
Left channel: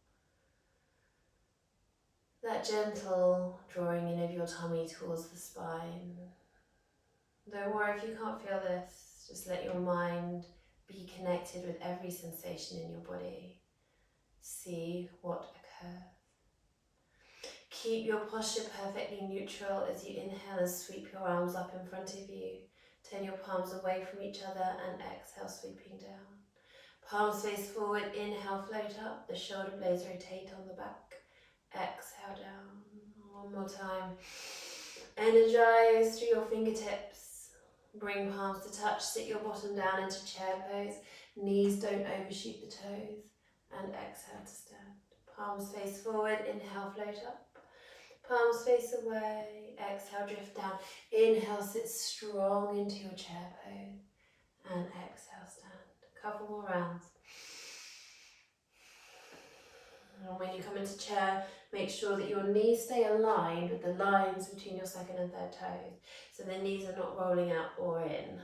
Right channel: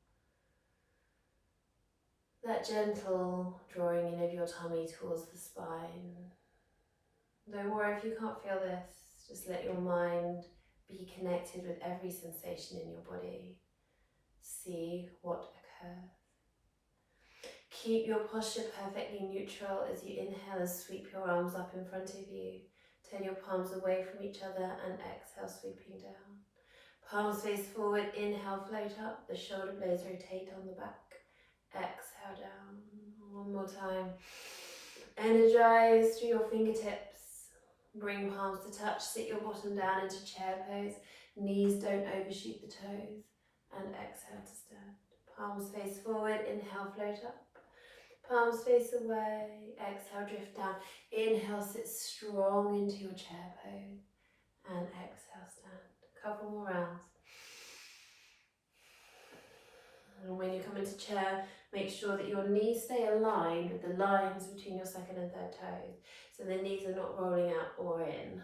That gentle drawing in of your tummy towards the spine. Don't worry if you can't feel this, just let your mind be connected with every sensation in your body. See what occurs. Keep your posture perfectly neutral as you inhale and sweep your arms up in front of you. Turn your palms away from each other and exhale, sweeping down. Palms face forward, inhale, float up, the shoulder blades rotate on the back. Exhale down, one more time. Energize through your fingertips. Bring palms to touch, sit your bottom down into chair pose. Knees don't overshoot the toes. And exhale to stand. Palms face forward, inhale, float up. Palms face away, exhale, drift down. Inhale, sit strong into your chair pose. And exhale, stand. Couple more rounds. And when you come into chair, make sure that your knees stay aligned with the lines between your second and third toes. So the knees are not rolling out or in.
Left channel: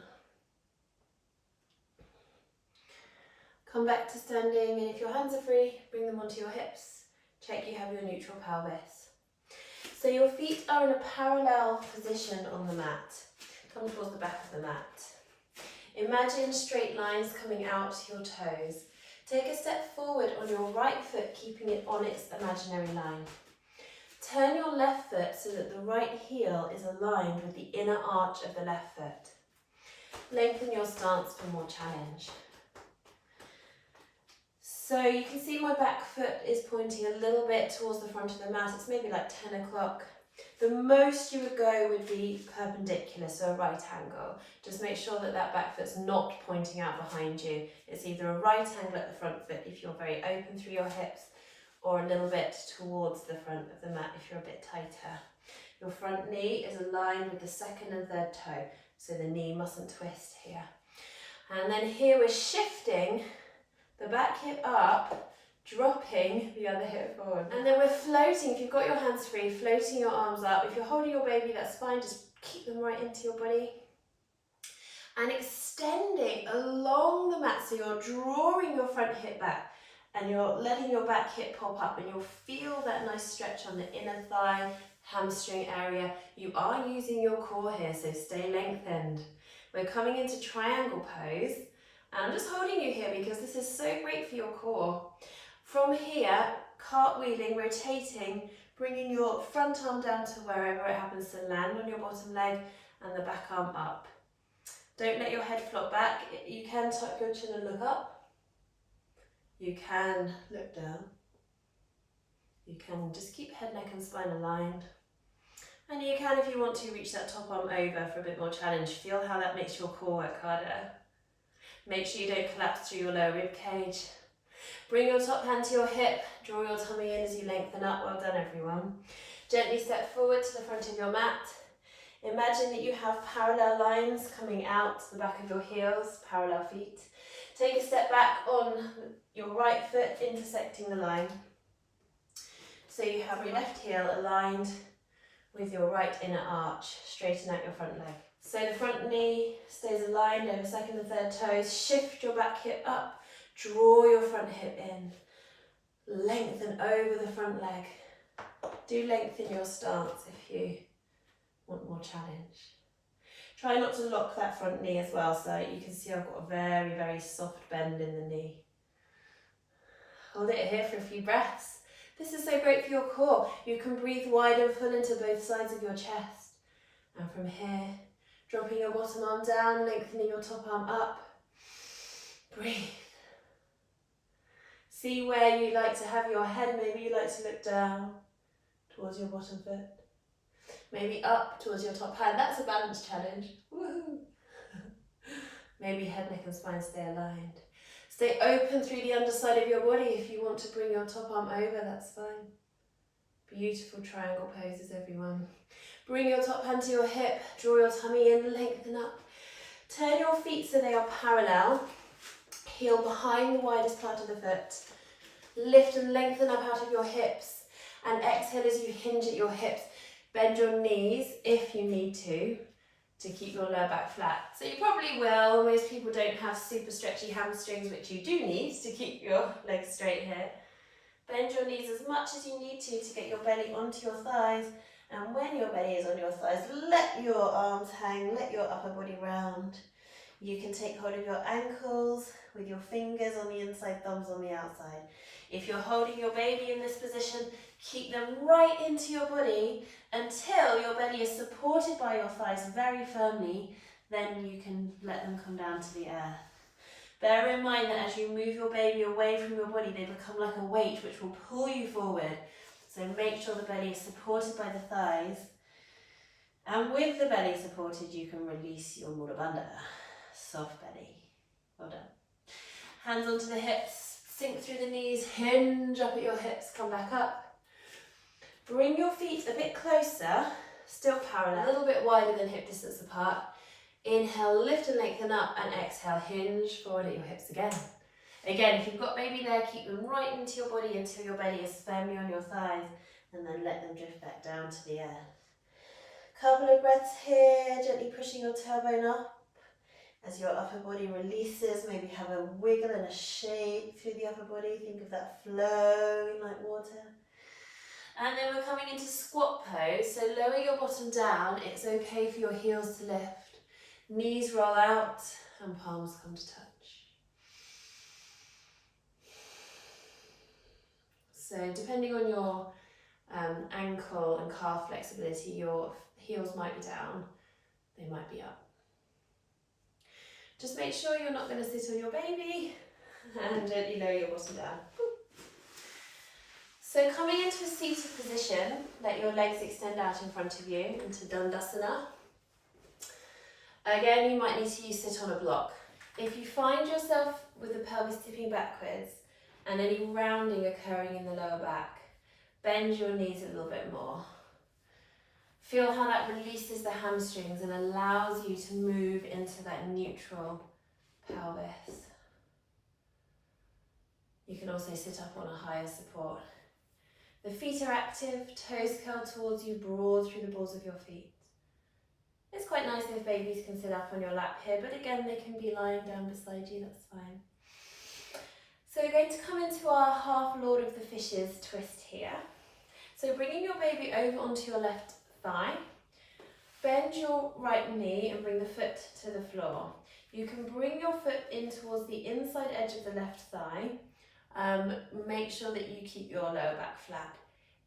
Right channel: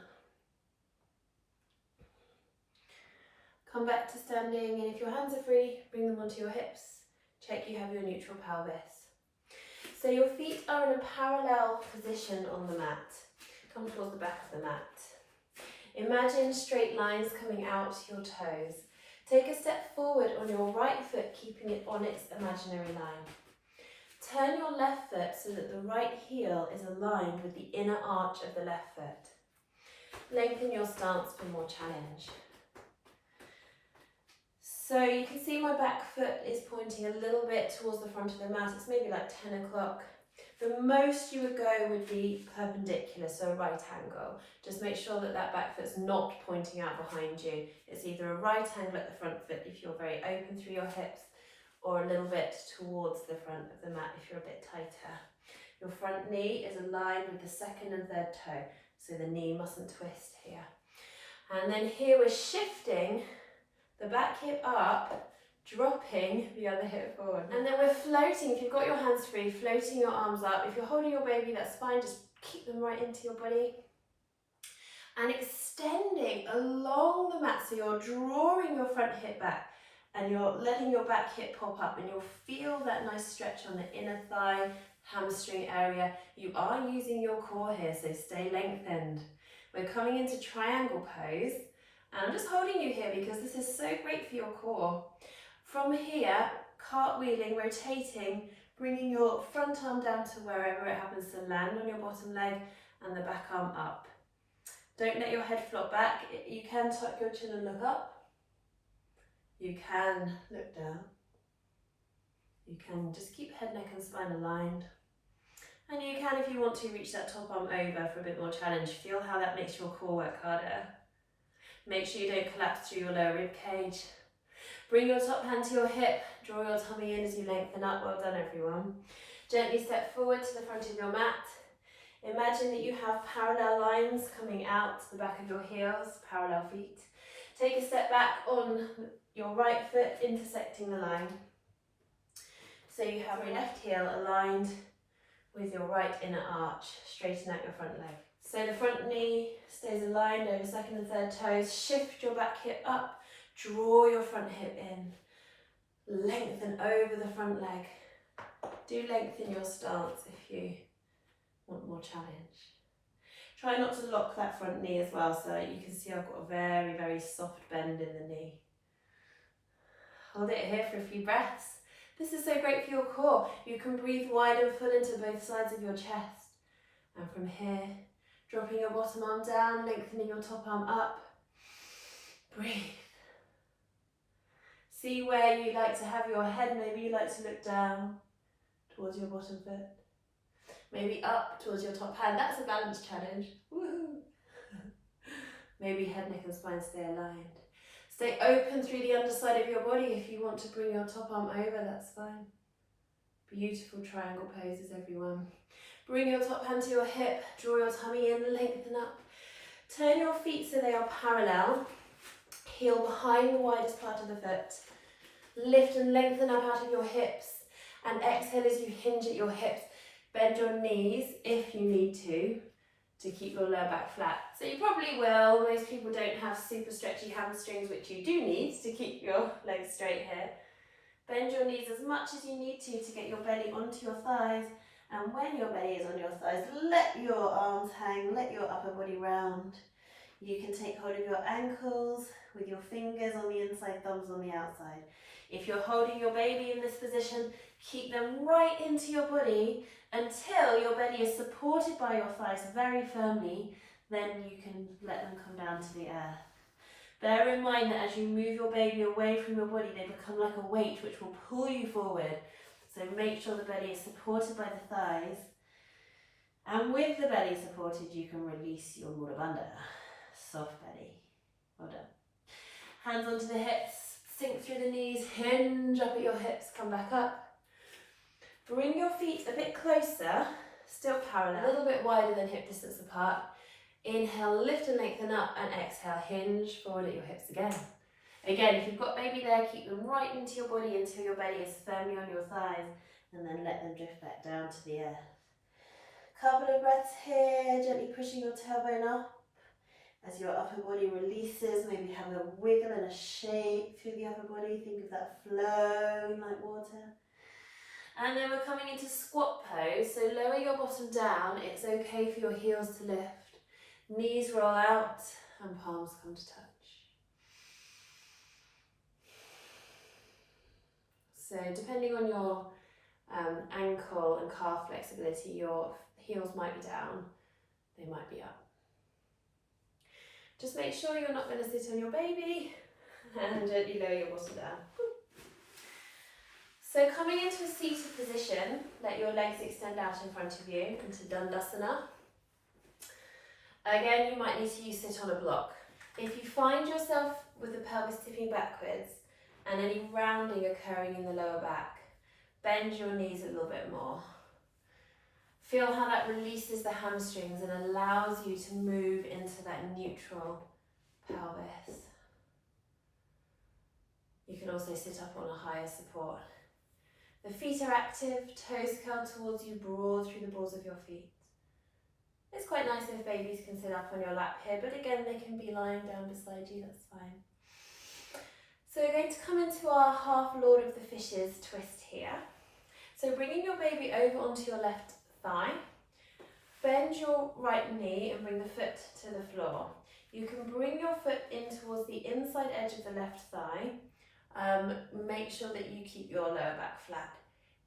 Come back to standing, and if your hands are free, bring them onto your hips. Check you have your neutral pelvis. So your feet are in a parallel position on the mat. Come towards the back of the mat. Imagine straight lines coming out your toes. Take a step forward on your right foot, keeping it on its imaginary line. Turn your left foot so that the right heel is aligned with the inner arch of the left foot. Lengthen your stance for more challenge. So you can see my back foot is pointing a little bit towards the front of the mat. It's maybe like 10 o'clock. The most you would go would be perpendicular, so a right angle. Just make sure that that back foot's not pointing out behind you. It's either a right angle at the front foot if you're very open through your hips, or a little bit towards the front of the mat if you're a bit tighter. Your front knee is aligned with the second and third toe, so the knee mustn't twist here. And then here we're shifting the back hip up, dropping the other hip forward. And then we're floating, if you've got your hands free, floating your arms up. If you're holding your baby, that's fine, just keep them right into your body. And extending along the mat, so you're drawing your front hip back and you're letting your back hip pop up, and you'll feel that nice stretch on the inner thigh, hamstring area. You are using your core here, so stay lengthened. We're coming into triangle pose. And I'm just holding you here because this is so great for your core. From here, cartwheeling, rotating, bringing your front arm down to wherever it happens to land on your bottom leg, and the back arm up. Don't let your head flop back. You can tuck your chin and look up. You can look down. You can just keep head, neck and spine aligned. And you can, if you want to, reach that top arm over for a bit more challenge. Feel how that makes your core work harder. Make sure you don't collapse through your lower rib cage. Bring your top hand to your hip, draw your tummy in as you lengthen up. Well done, everyone. Gently step forward to the front of your mat. Imagine that you have parallel lines coming out to the back of your heels, parallel feet. Take a step back on your right foot, intersecting the line. So you have your left heel aligned with your right inner arch. Straighten out your front leg. So the front knee stays aligned over second and third toes. Shift your back hip up. Draw your front hip in. Lengthen over the front leg. Do lengthen your stance if you want more challenge. Try not to lock that front knee as well, so you can see I've got a very, very soft bend in the knee. Hold it here for a few breaths. This is so great for your core. You can breathe wide and full into both sides of your chest. And from here, dropping your bottom arm down, lengthening your top arm up. Breathe. See where you like to have your head. Maybe you like to look down towards your bottom foot. Maybe up towards your top hand. That's a balance challenge. Woohoo! Maybe head, neck and spine stay aligned. Stay open through the underside of your body. If you want to bring your top arm over, that's fine. Beautiful triangle poses, everyone. Bring your top hand to your hip. Draw your tummy in, lengthen up. Turn your feet so they are parallel. Heel behind the widest part of the foot. Lift and lengthen up out of your hips. And exhale as you hinge at your hips. Bend your knees if you need to keep your lower back flat. So you probably will. Most people don't have super stretchy hamstrings, which you do need to keep your legs straight here. Bend your knees as much as you need to get your belly onto your thighs. And when your belly is on your thighs, let your arms hang, let your upper body round. You can take hold of your ankles with your fingers on the inside, thumbs on the outside. If you're holding your baby in this position, keep them right into your body until your belly is supported by your thighs very firmly. Then you can let them come down to the earth. Bear in mind that as you move your baby away from your body, they become like a weight which will pull you forward. So make sure the belly is supported by the thighs. And with the belly supported, you can release your mula bandha. Soft belly. Well done. Hands onto the hips, sink through the knees, hinge up at your hips, come back up. Bring your feet a bit closer, still parallel, a little bit wider than hip distance apart. Inhale, lift and lengthen up, and exhale, hinge forward at your hips again. Again, if you've got baby there, keep them right into your body until your belly is firmly on your thighs, and then let them drift back down to the earth. Couple of breaths here, gently pushing your tailbone up as your upper body releases. Maybe have a wiggle and a shake through the upper body. Think of that flowing like water. And then we're coming into squat pose, so lower your bottom down. It's okay for your heels to lift. Knees roll out and palms come to touch. So depending on your ankle and calf flexibility, your heels might be down, they might be up. Just make sure you're not going to sit on your baby and gently lower your bottom down. So coming into a seated position, let your legs extend out in front of you into Dandasana. Again, you might need to use sit on a block. If you find yourself with the pelvis tipping backwards and any rounding occurring in the lower back, bend your knees a little bit more. Feel how that releases the hamstrings and allows you to move into that neutral pelvis. You can also sit up on a higher support. The feet are active, toes curl towards you, broad through the balls of your feet. It's quite nice if babies can sit up on your lap here, but again, they can be lying down beside you, that's fine. So we're going to come into our half Lord of the Fishes twist here. So bringing your baby over onto your left thigh, bend your right knee and bring the foot to the floor. You can bring your foot in towards the inside edge of the left thigh. Make sure that you keep your lower back flat.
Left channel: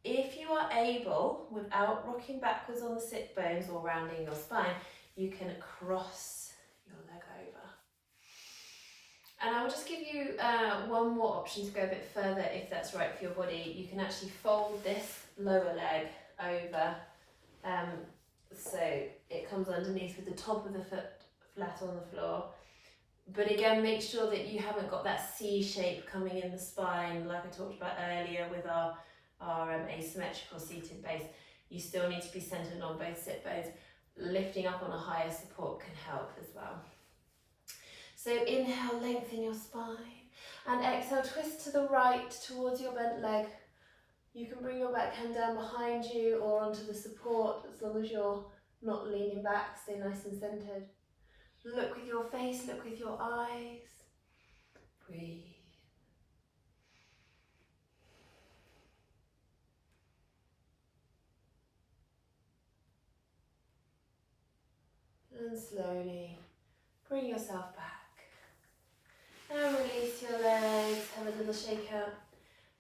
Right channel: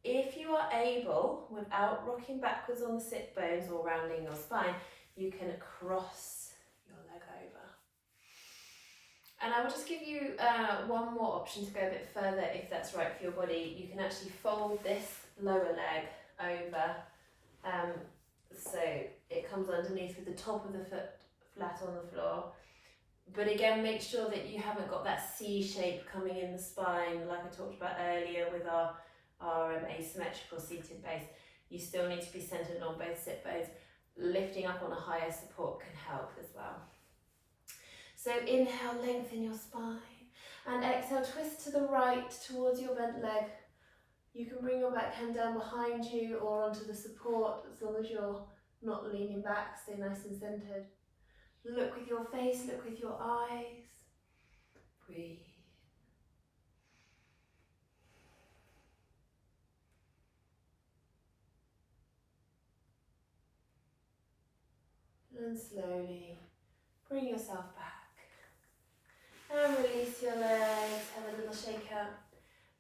If you are able, without rocking backwards on the sit bones or rounding your spine, you can cross your leg over. And I will just give you one more option to go a bit further if that's right for your body. You can actually fold this lower leg over so it comes underneath with the top of the foot flat on the floor. But again, make sure that you haven't got that C shape coming in the spine like I talked about earlier with our asymmetrical seated base. You still need to be centered on both sit bones. Lifting up on a higher support can help as well. So inhale, lengthen your spine, and exhale, twist to the right towards your bent leg. You can bring your back hand down behind you or onto the support as long as you're not leaning back, stay nice and centered. Look with your face, look with your eyes. Breathe. And slowly bring yourself back. And release your legs, have a little shake out.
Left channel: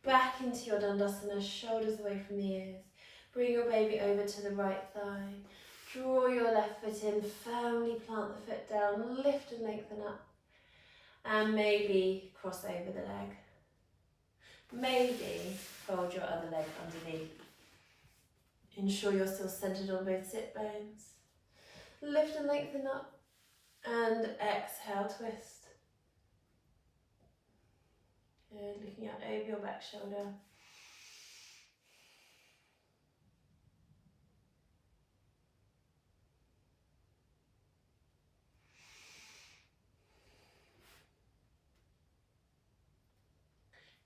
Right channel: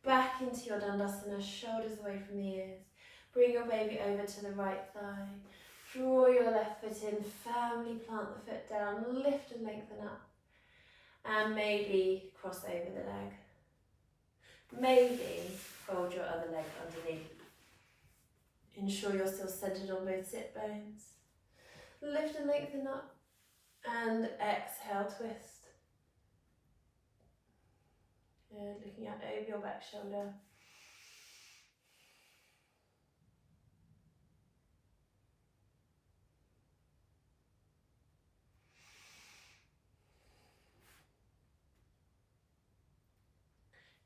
Back into your Dandasana, shoulders away from the ears. Bring your baby over to the right thigh. Draw your left foot in, firmly plant the foot down, lift and lengthen up. And maybe cross over the leg. Maybe fold your other leg underneath. Ensure you're still centered on both sit bones. Lift and lengthen up. And exhale, twist. Good, looking out over your back shoulder.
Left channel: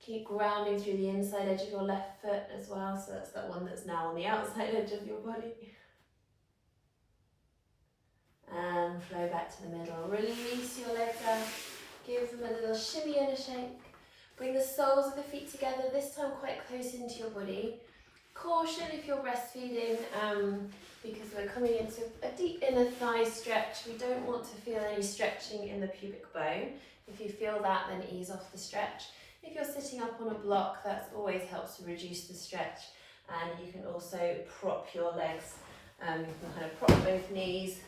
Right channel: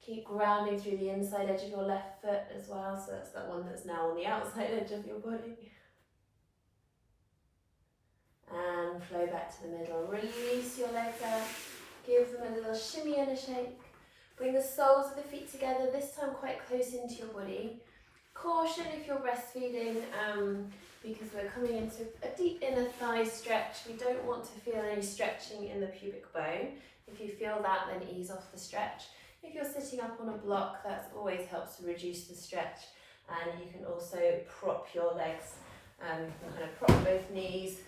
Keep grounding through the inside edge of your left foot as well, so that's that one that's now on the outside edge of your body. And flow back to the middle. Release your legs out. Give them a little shimmy and a shake. Bring the soles of the feet together, this time quite close into your body. Caution if you're breastfeeding, because we're coming into a deep inner thigh stretch. We don't want to feel any stretching in the pubic bone. If you feel that, then ease off the stretch. If you're sitting up on a block, that always helps to reduce the stretch. And you can also prop your legs. You can kind of prop both knees,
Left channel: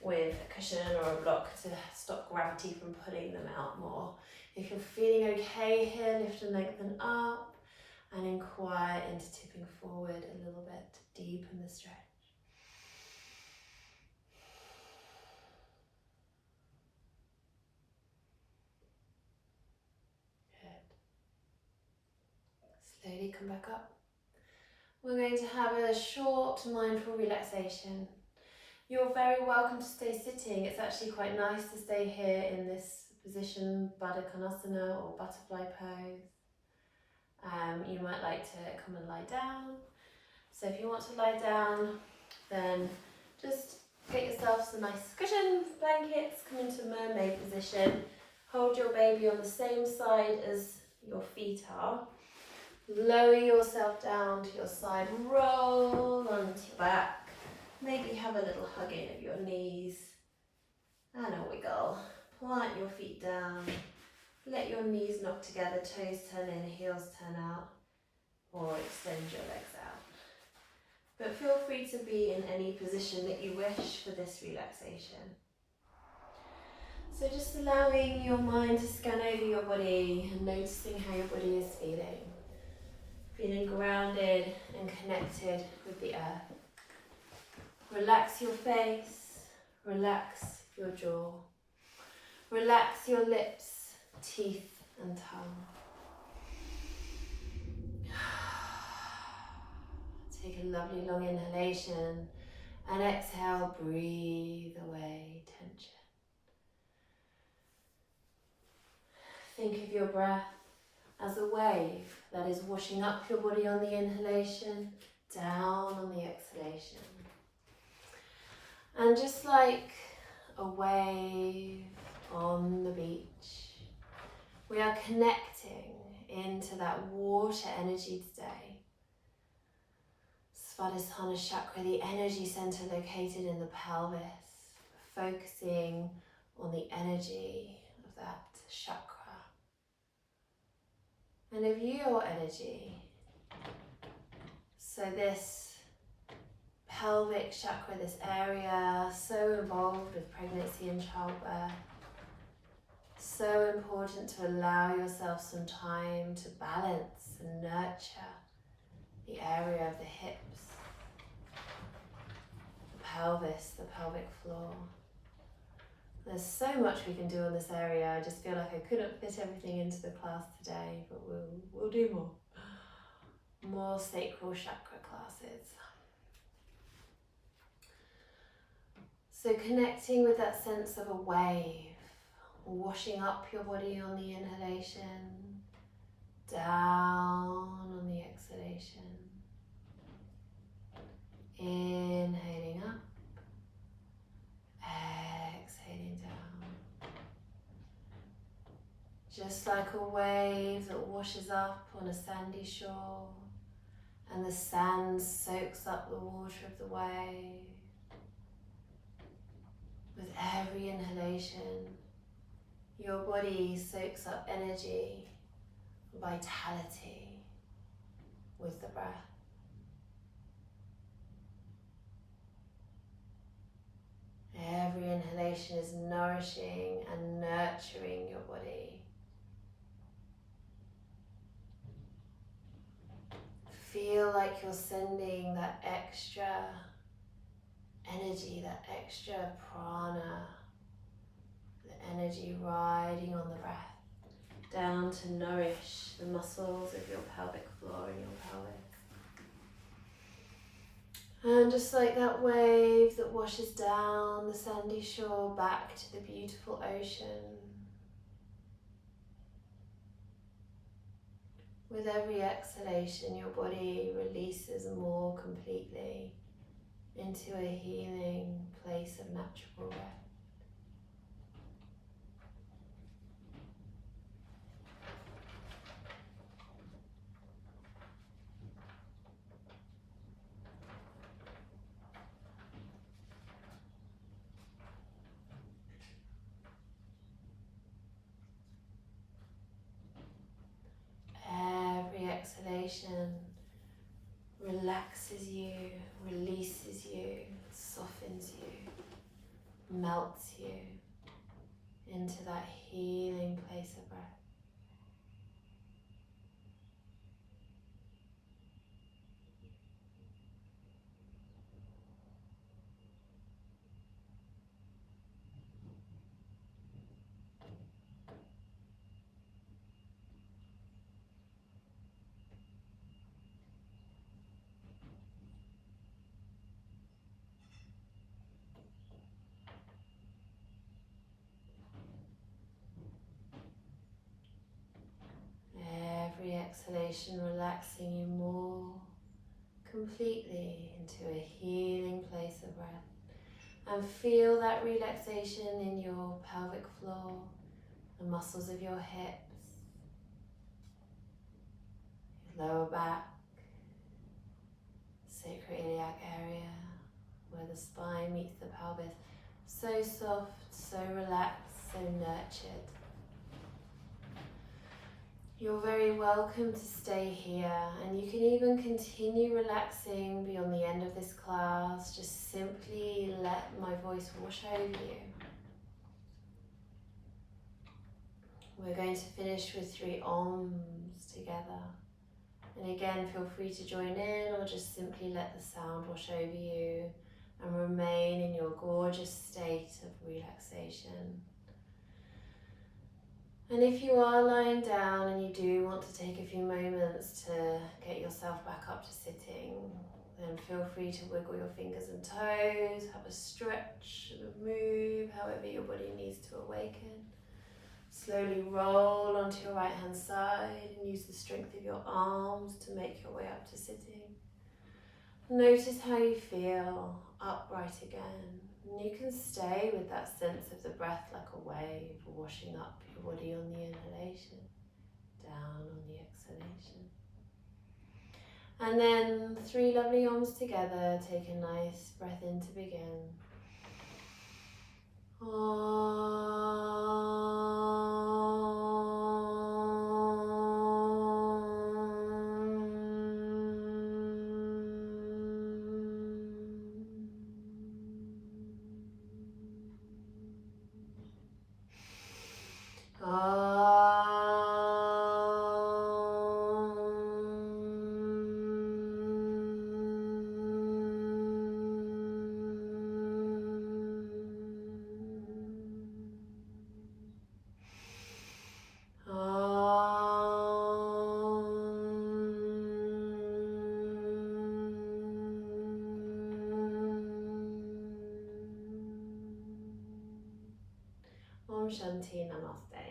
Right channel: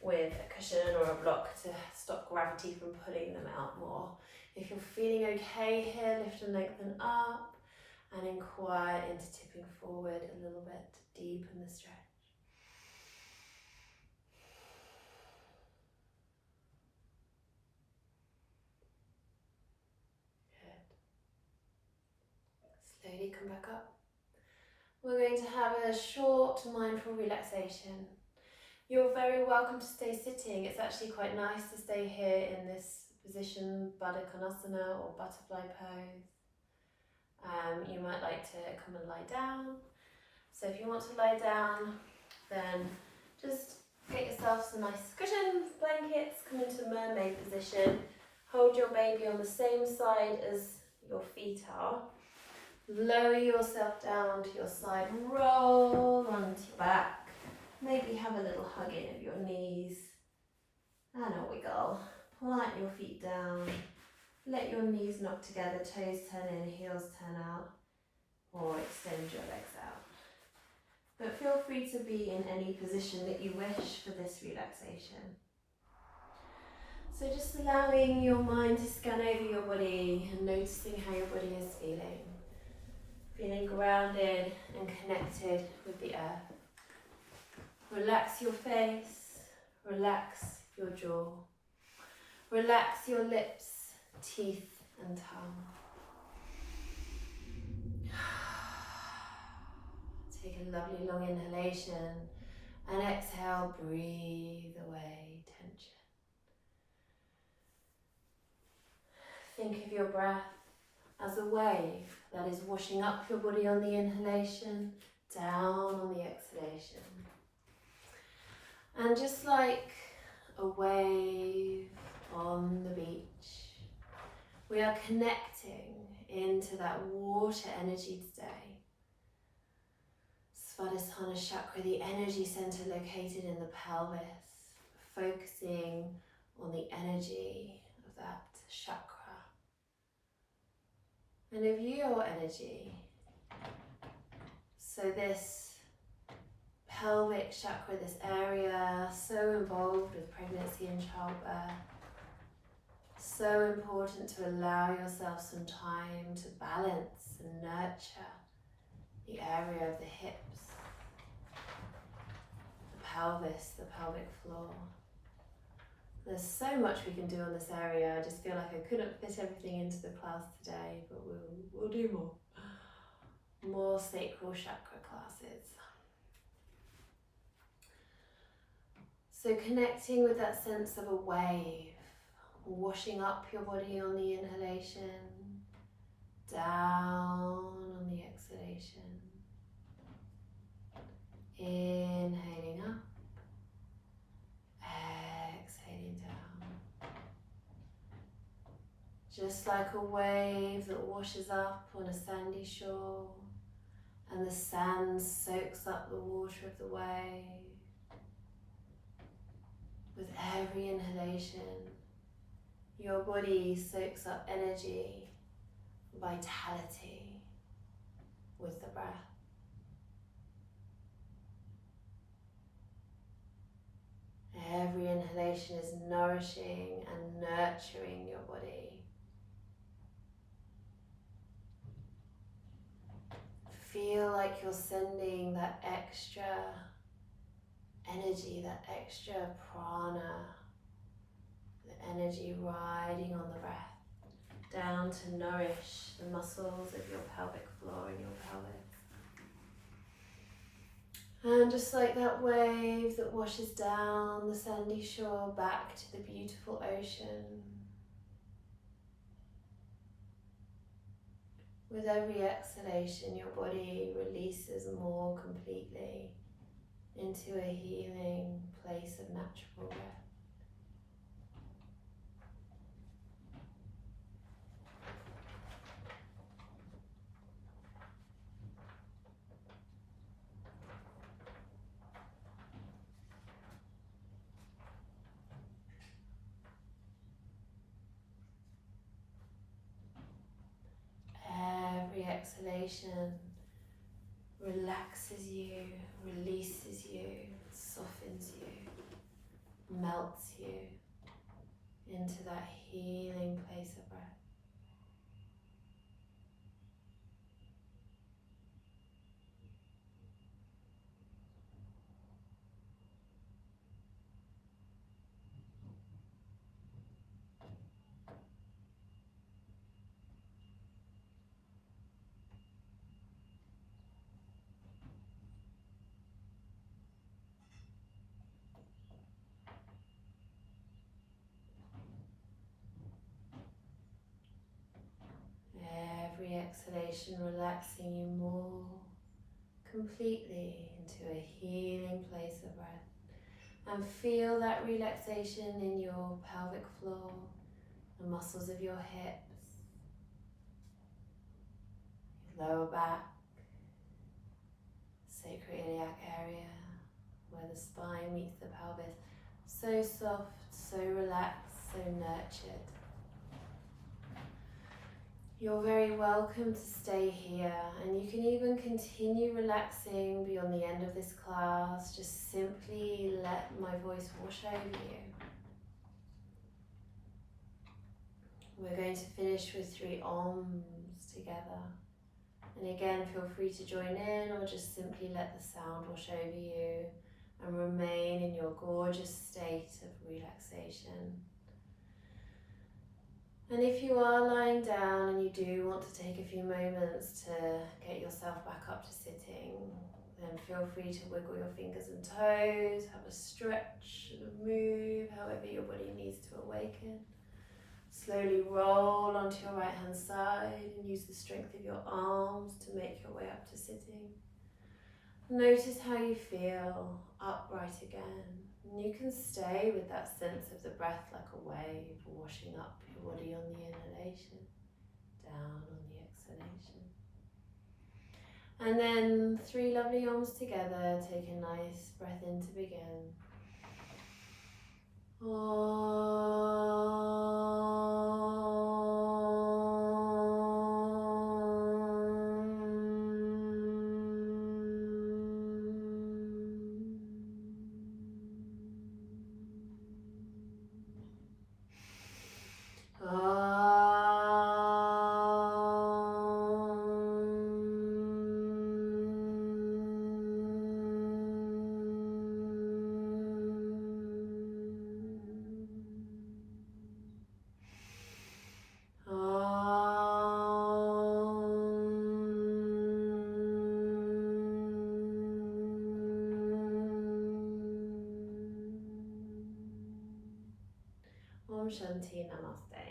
with a cushion or a block to stop gravity from pulling them out more. If you're feeling okay here, lift and lengthen up and inquire into tipping forward a little bit to deepen the stretch. Good. Slowly come back up. We're going to have a short mindful relaxation. You're very welcome to stay sitting. It's actually quite nice to stay here in this position, Baddha Konasana or butterfly pose. You might like to come and lie down. So if you want to lie down, then just get yourself some nice cushions, blankets, come into mermaid position. Hold your baby on the same side as your feet are. Lower yourself down to your side, roll onto your back. Maybe have a little hug in of your knees and a wiggle. Plant your feet down. Let your knees knock together, toes turn in, heels turn out, or extend your legs out. But feel free to be in any position that you wish for this relaxation. So just allowing your mind to scan over your body and noticing how your body is feeling. Feeling grounded and connected with the earth. Relax your face, relax your jaw. Relax your lips, teeth and tongue. Take a lovely long inhalation and exhale, breathe away tension. Think of your breath as a wave that is washing up your body on the inhalation, down on the exhalation. And just like a wave on the beach, we are connecting into that water energy today. Svadhisthana chakra, the energy center located in the pelvis, focusing on the energy of that chakra. And of your energy. So this pelvic chakra, this area, so involved with pregnancy and childbirth. So important to allow yourself some time to balance and nurture the area of the hips, the pelvis, the pelvic floor. There's so much we can do on this area. I just feel like I couldn't fit everything into the class today, but we'll do more. More sacral chakra classes. So connecting with that sense of a wave, washing up your body on the inhalation, down on the exhalation. Inhaling up, exhaling down. Just like a wave that washes up on a sandy shore and the sand soaks up the water of the wave. With every inhalation, your body soaks up energy, vitality with the breath. Every inhalation is nourishing and nurturing your body. Feel like you're sending that extra energy, that extra prana, the energy riding on the breath, down to nourish the muscles of your pelvic floor and your pelvis. And just like that wave that washes down the sandy shore back to the beautiful ocean. With every exhalation, your body releases more completely into a healing place of natural rest. Every exhalation relaxes you, releases you, softens you melts you into that healing place of breath. Every exhalation relaxing you more completely into a healing place of breath. And feel that relaxation in your pelvic floor, the muscles of your hips, your lower back, sacroiliac area, where the spine meets the pelvis. So soft, so relaxed, so nurtured. You're very welcome to stay here, and you can even continue relaxing beyond the end of this class. Just simply let my voice wash over you. We're going to finish with 3 Oms together. And again, feel free to join in or just simply let the sound wash over you and remain in your gorgeous state of relaxation. And if you are lying down and you do want to take a few moments to get yourself back up to sitting, then feel free to wiggle your fingers and toes, have a stretch, move however your body needs to awaken. Slowly roll onto your right hand side and use the strength of your arms to make your way up to sitting. Notice how you feel upright again. And you can stay with that sense of the breath like a wave washing up your body on the inhalation, down on the exhalation. And then 3 lovely Oms together. Take a nice breath in to begin. Om Shanti Namaste.